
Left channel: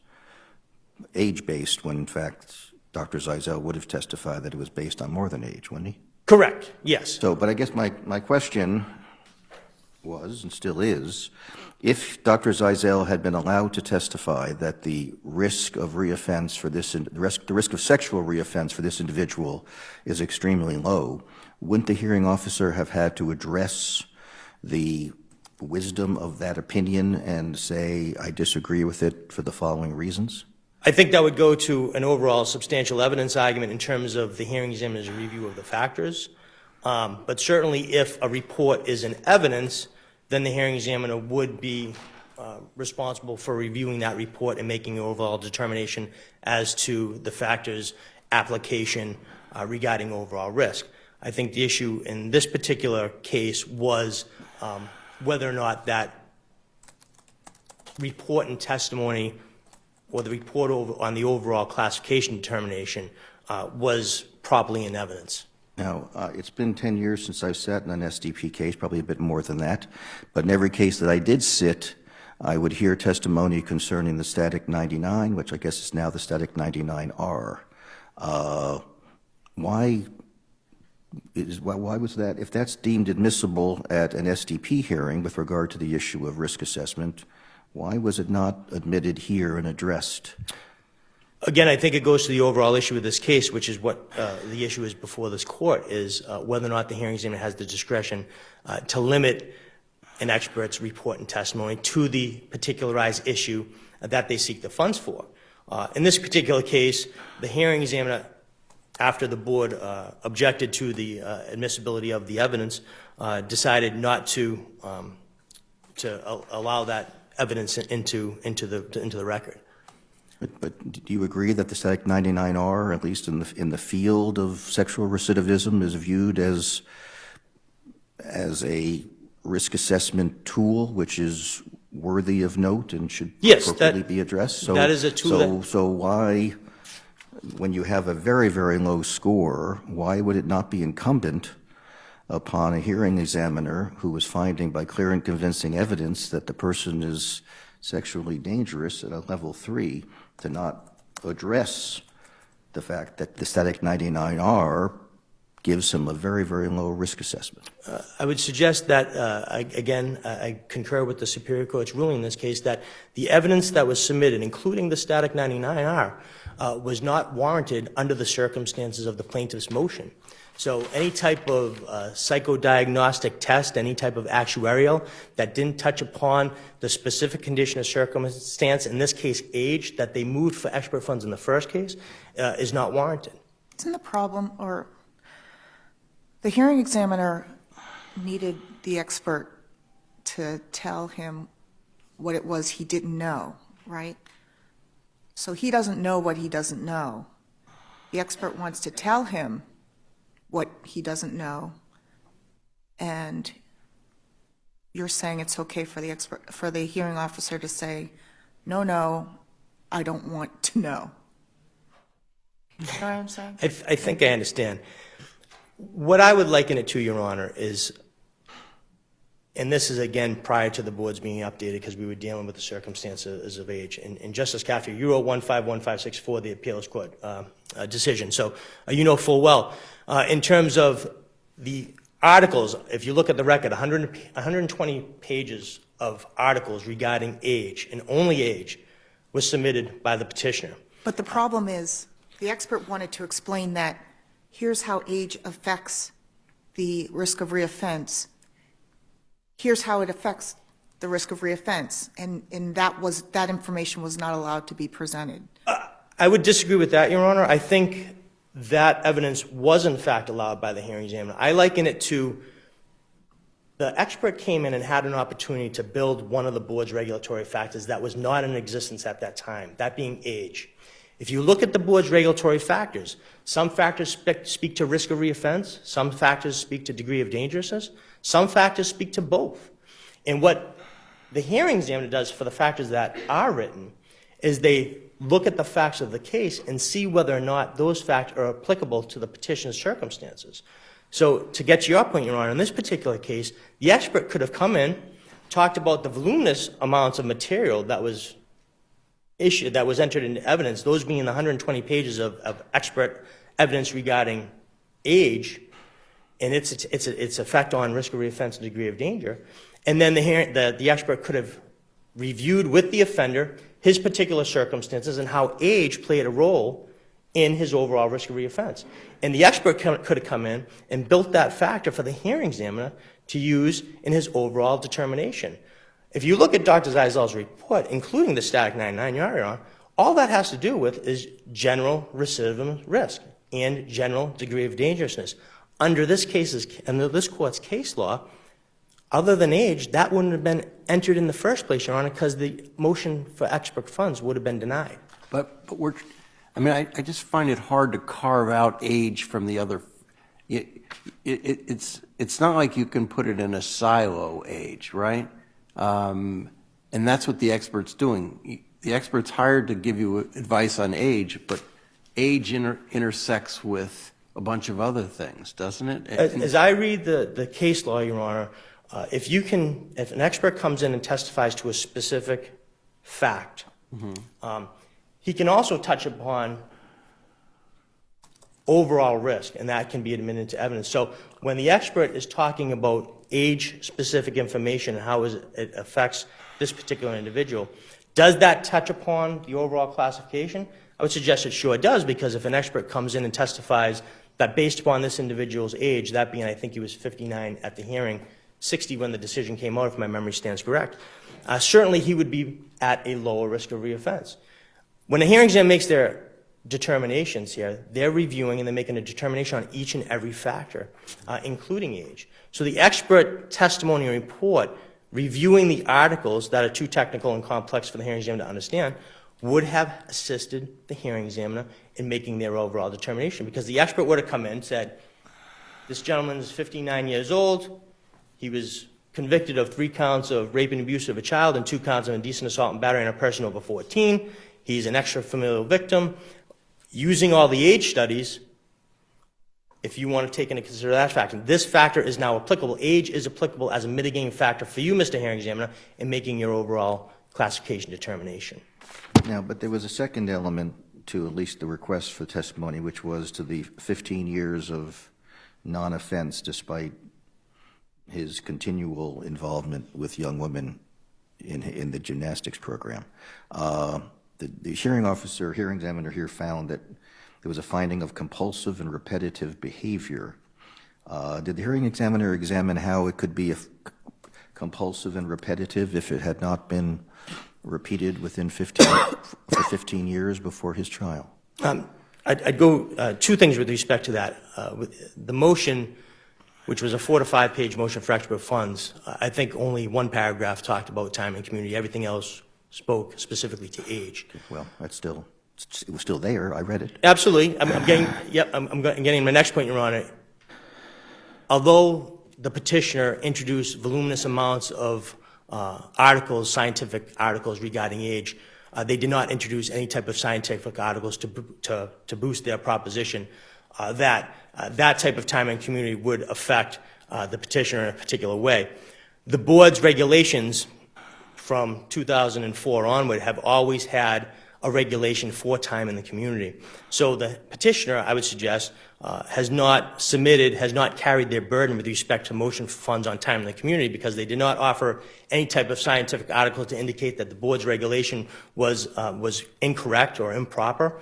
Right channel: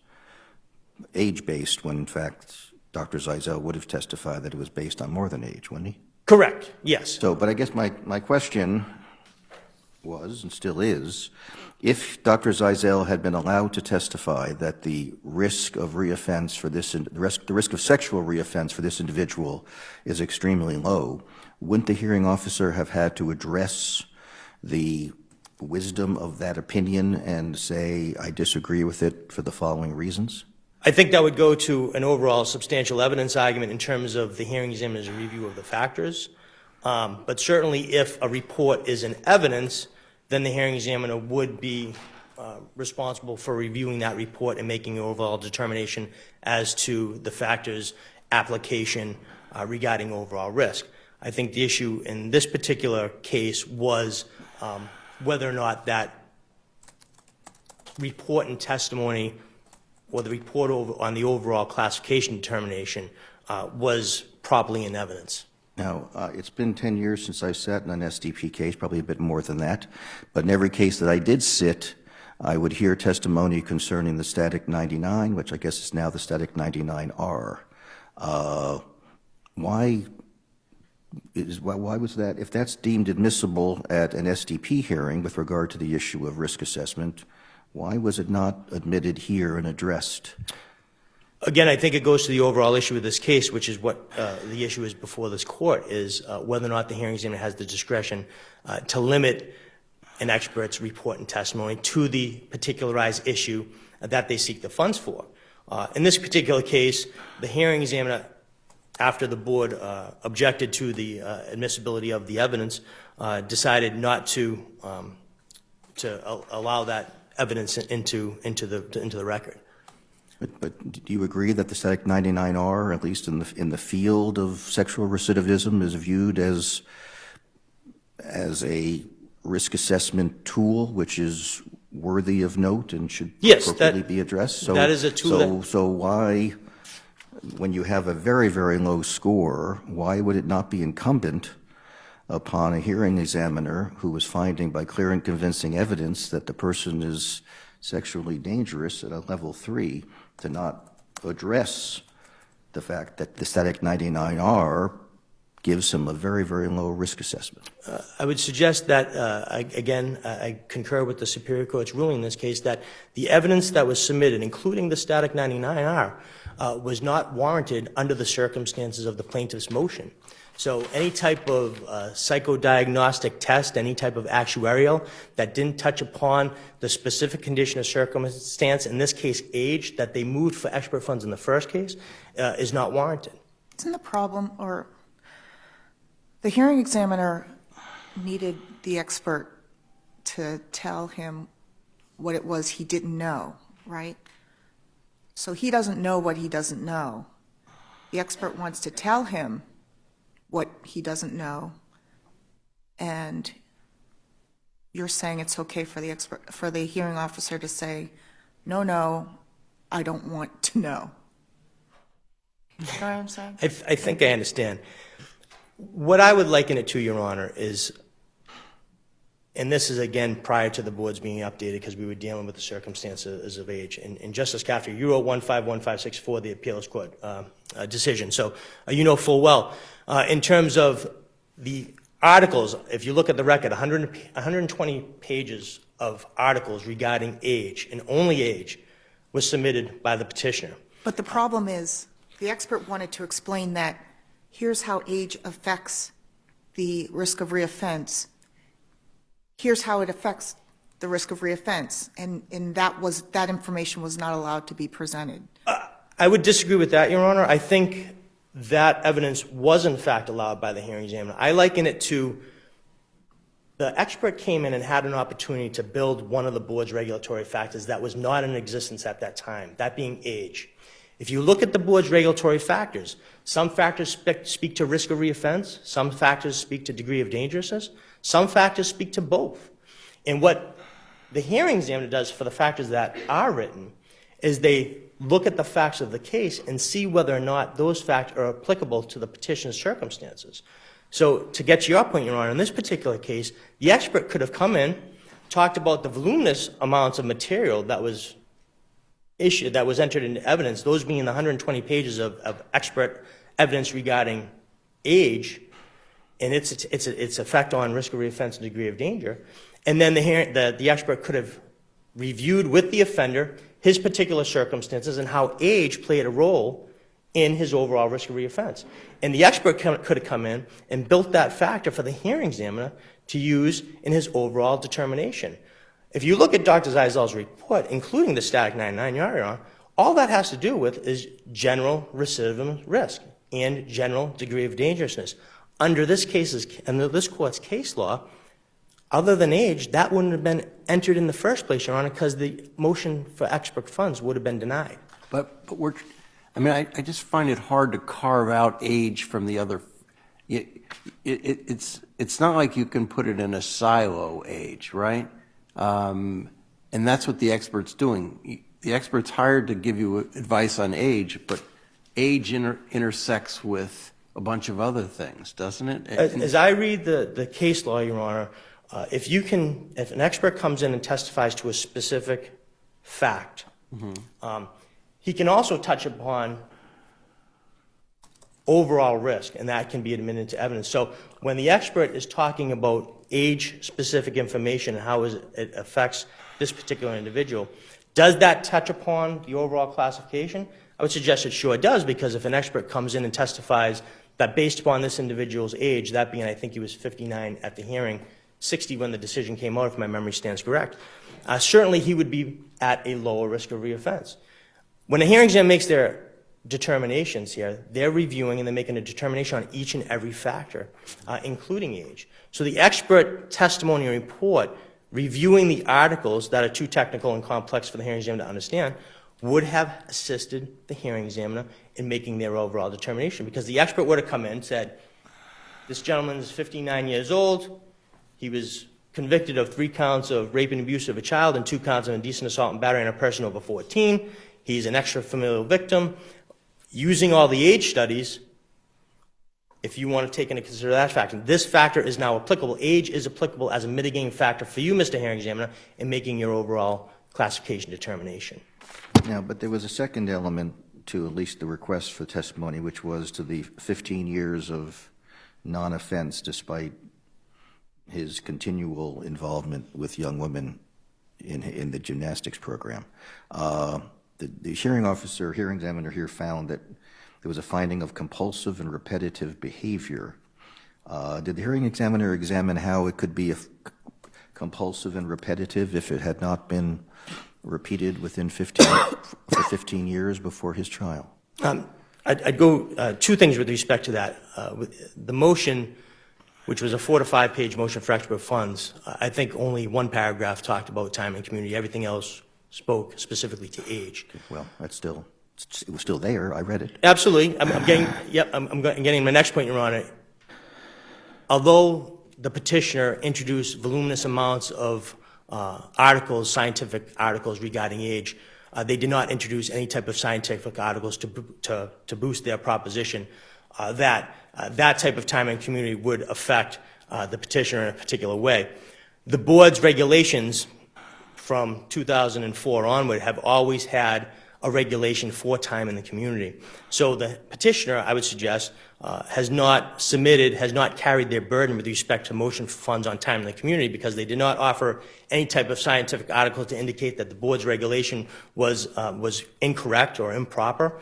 age-based when, in fact, Dr. Zeisel would have testified that it was based on more than age, wouldn't he? Correct, yes. So, but I guess my question was, and still is, if Dr. Zeisel had been allowed to testify that the risk of reoffense for this, the risk of sexual reoffense for this individual is extremely low, wouldn't the hearing officer have had to address the wisdom of that opinion and say, I disagree with it for the following reasons? I think that would go to an overall substantial evidence argument in terms of the hearing examiner's review of the factors. But certainly if a report is in evidence, then the hearing examiner would be responsible for reviewing that report and making an overall determination as to the factors application regarding overall risk. I think the issue in this particular case was whether or not that report and testimony or the report on the overall classification determination was properly in evidence. Now, it's been 10 years since I've sat in an SDP case, probably a bit more than that. But in every case that I did sit, I would hear testimony concerning the static 99, which I guess is now the static 99R. Why was that? If that's deemed admissible at an SDP hearing with regard to the issue of risk assessment, why was it not admitted here and addressed? Again, I think it goes to the overall issue of this case, which is what the issue is before this court, is whether or not the hearing examiner has the discretion to limit an expert's report and testimony to the particularized issue that they seek the funds for. In this particular case, the hearing examiner, after the board objected to the admissibility of the evidence, decided not to allow that evidence into the record. But do you agree that the static 99R, at least in the field of sexual recidivism, is viewed as a risk assessment tool, which is worthy of note and should appropriately be addressed? So, that is a tool. So why, when you have a very, very low score, why would it not be incumbent upon a hearing examiner who was finding by clear and convincing evidence that the person is sexually dangerous at a level 3 to not address the fact that the static 99R gives him a very, very low risk assessment? I would suggest that, again, I concur with the Superior Court's ruling in this case, that the evidence that was submitted, including the static 99R, was not warranted under the circumstances of the plaintiff's motion. So any type of psychodiagnostic test, any type of actuarial that didn't touch upon the specific condition or circumstance, in this case age, that they moved for expert funds in the first case, is not warranted. Isn't the problem, or the hearing examiner needed the expert to tell him what it was he didn't know, right? So he doesn't know what he doesn't know. The expert wants to tell him what he doesn't know, and you're saying it's okay for the expert, for the hearing officer to say, no, I don't want to know. You know what I'm saying? I think I understand. What I would liken it to, Your Honor, is, and this is again prior to the boards being updated because we were dealing with the circumstances of age. And Justice Caffrey, you wrote 151564, the appeals court decision. So you know full well, in terms of the articles, if you look at the record, 120 pages of articles regarding age, and only age, was submitted by the petitioner. But the problem is, the expert wanted to explain that here's how age affects the risk of reoffense. Here's how it affects the risk of reoffense, and that information was not allowed to be presented. I would disagree with that, Your Honor. I think that evidence was in fact allowed by the hearing examiner. I liken it to the expert came in and had an opportunity to build one of the board's regulatory factors that was not in existence at that time, that being age. If you look at the board's regulatory factors, some factors speak to risk of reoffense, some factors speak to degree of dangerousness, some factors speak to both. And what the hearing examiner does for the factors that are written is they look at the facts of the case and see whether or not those factors are applicable to the petition's circumstances. So to get to your point, Your Honor, in this particular case, the expert could have come in, talked about the voluminous amounts of material that was issued, that was entered into evidence, those being the 120 pages of expert evidence regarding age and its effect on risk of reoffense and degree of danger. And then the expert could have reviewed with the offender his particular circumstances and how age played a role in his overall risk of reoffense. And the expert could have come in and built that factor for the hearing examiner to use in his overall determination. If you look at Dr. Zeisel's report, including the static 99 Your Honor, all that has to do with is general recidivism risk and general degree of dangerousness. Under this court's case law, other than age, that wouldn't have been entered in the first place, Your Honor, because the motion for expert funds would have been denied. But I just find it hard to carve out age from the other. It's not like you can put it in a silo, age, right? And that's what the expert's doing. The expert's hired to give you advice on age, but age intersects with a bunch of other things, doesn't it? As I read the case law, Your Honor, if an expert comes in and testifies to a specific fact, he can also touch upon overall risk, and that can be admitted into evidence. So when the expert is talking about age-specific information and how it affects this particular individual, does that touch upon the overall classification? I would suggest it sure does, because if an expert comes in and testifies that based upon this individual's age, that being, I think he was 59 at the hearing, 60 when the decision came out, if my memory stands correct, certainly he would be at a lower risk of reoffense. When a hearing examiner makes their determinations here, they're reviewing and they're making a determination on each and every factor, including age. So the expert testimony report, reviewing the articles that are too technical and complex for the hearing examiner to understand, would have assisted the hearing examiner in making their overall determination, because the expert would have come in and said, this gentleman is 59 years old, he was convicted of 3 counts of rape and abuse of a child and 2 counts of indecent assault and battery on a person over 14, he's an extrafamilial victim. Using all the age studies, if you want to take into consideration that factor, this factor is now applicable. Age is applicable as a mitigating factor for you, Mr. Hearing Examiner, in making your overall classification determination. Now, but there was a second element to at least the request for testimony, which was to the 15 years of non-offense despite his continual involvement with young women in the gymnastics program. The hearing officer, hearing examiner here found that there was a finding of compulsive and repetitive behavior. Did the hearing examiner examine how it could be compulsive and repetitive if it had not been repeated within 15 years before his trial? I'd go 2 things with respect to that. The motion, which was a 4 to 5 page motion for expert funds, I think only 1 paragraph talked about time and community. Everything else spoke specifically to age. Well, it was still there. I read it. Absolutely. I'm getting my next point, Your Honor. Although the petitioner introduced voluminous amounts of articles, scientific articles regarding age, they did not introduce any type of scientific articles to boost their proposition that that type of time and community would affect the petitioner in a particular way. The board's regulations from 2004 onward have always had a regulation for time in the community. So the petitioner, I would suggest, has not carried their burden with respect to motion for funds on time in the community, because they did not offer any type of scientific article to indicate that the board's regulation was incorrect or improper.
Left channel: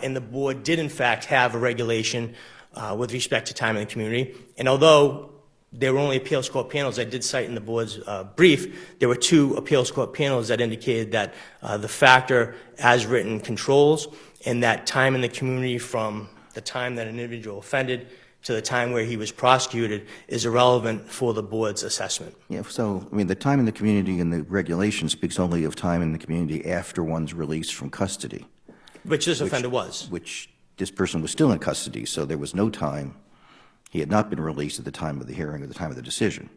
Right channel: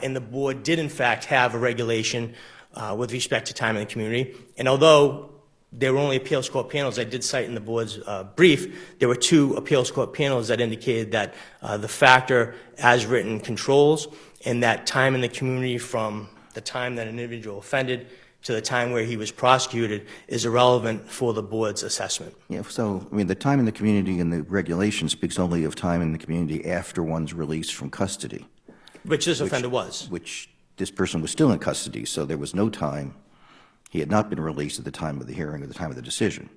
And the board did, in fact, have a regulation with respect to time in the community. And although there were only appeals court panels, I did cite in the board's brief, there were 2 appeals court panels that indicated that the factor as written controls, and that time in the community from the time that an individual offended to the time where he was prosecuted is irrelevant for the board's assessment. Yeah, so, I mean, the time in the community in the regulation speaks only of time in the community after one's release from custody. Which this offender was. Which this person was still in custody, so there was no time. He had not been released at the time of the hearing or the time of the decision.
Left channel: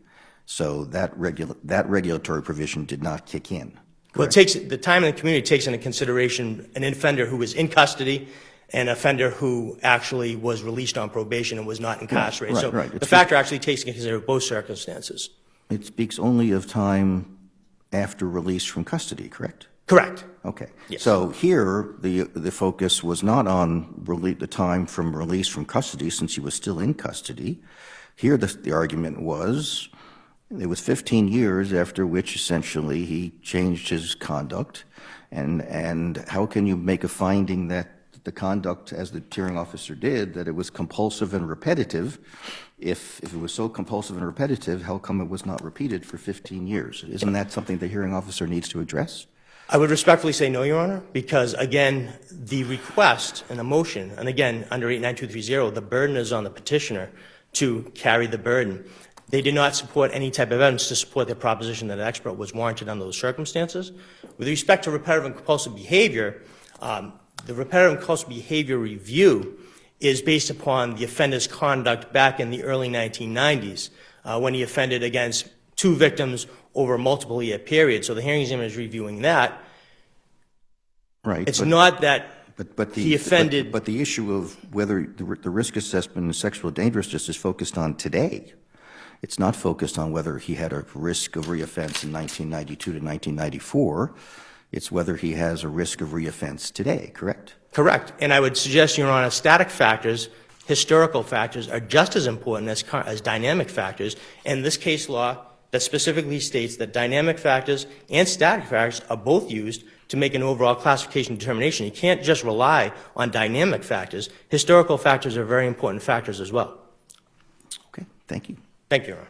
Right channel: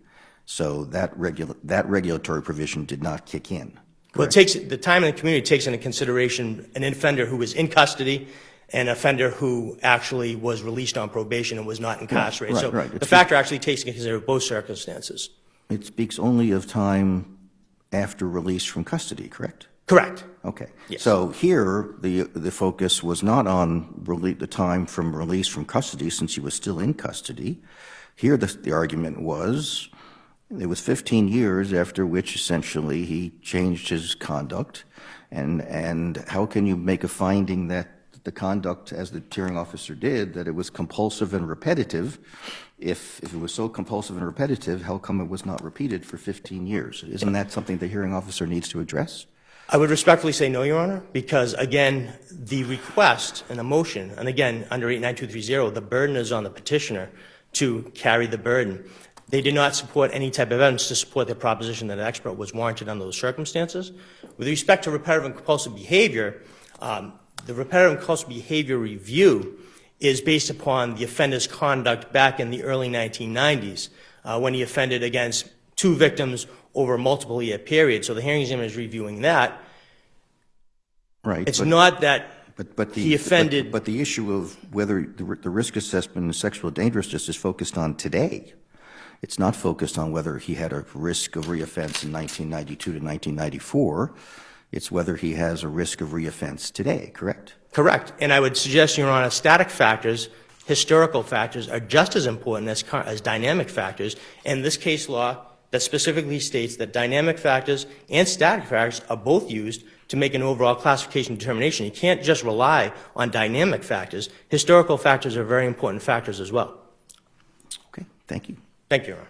So that regulatory provision did not kick in. Well, the time in the community takes into consideration an offender who was in custody and an offender who actually was released on probation and was not incarcerated. Right. The factor actually takes into consideration both circumstances. It speaks only of time after release from custody, correct? Correct. Okay. Yes. So here, the focus was not on the time from release from custody, since he was still in custody. Here, the argument was it was 15 years after which essentially he changed his conduct, and how can you make a finding that the conduct, as the hearing officer did, that it was compulsive and repetitive? If it was so compulsive and repetitive, how come it was not repeated for 15 years? Isn't that something the hearing officer needs to address? I would respectfully say no, Your Honor, because, again, the request and the motion, and again, under 89230, the burden is on the petitioner to carry the burden. They did not support any type of evidence to support their proposition that an expert was warranted under those circumstances. With respect to repetitive and compulsive behavior, the repetitive and compulsive behavior review is based upon the offender's conduct back in the early 1990s when he offended against 2 victims over a multiple year period. So the hearing examiner is reviewing that. Right. It's not that But he offended. But the issue of whether the risk assessment and sexual dangerousness is focused on today. It's not focused on whether he had a risk of reoffense in 1992 to 1994. It's whether he has a risk of reoffense today, correct? Correct. And I would suggest, Your Honor, static factors, historical factors are just as important as dynamic factors. And this case law that specifically states that dynamic factors and static factors are both used to make an overall classification determination. You can't just rely on dynamic factors. Historical factors are very important factors as well. Okay, thank you. Thank you, Your Honor.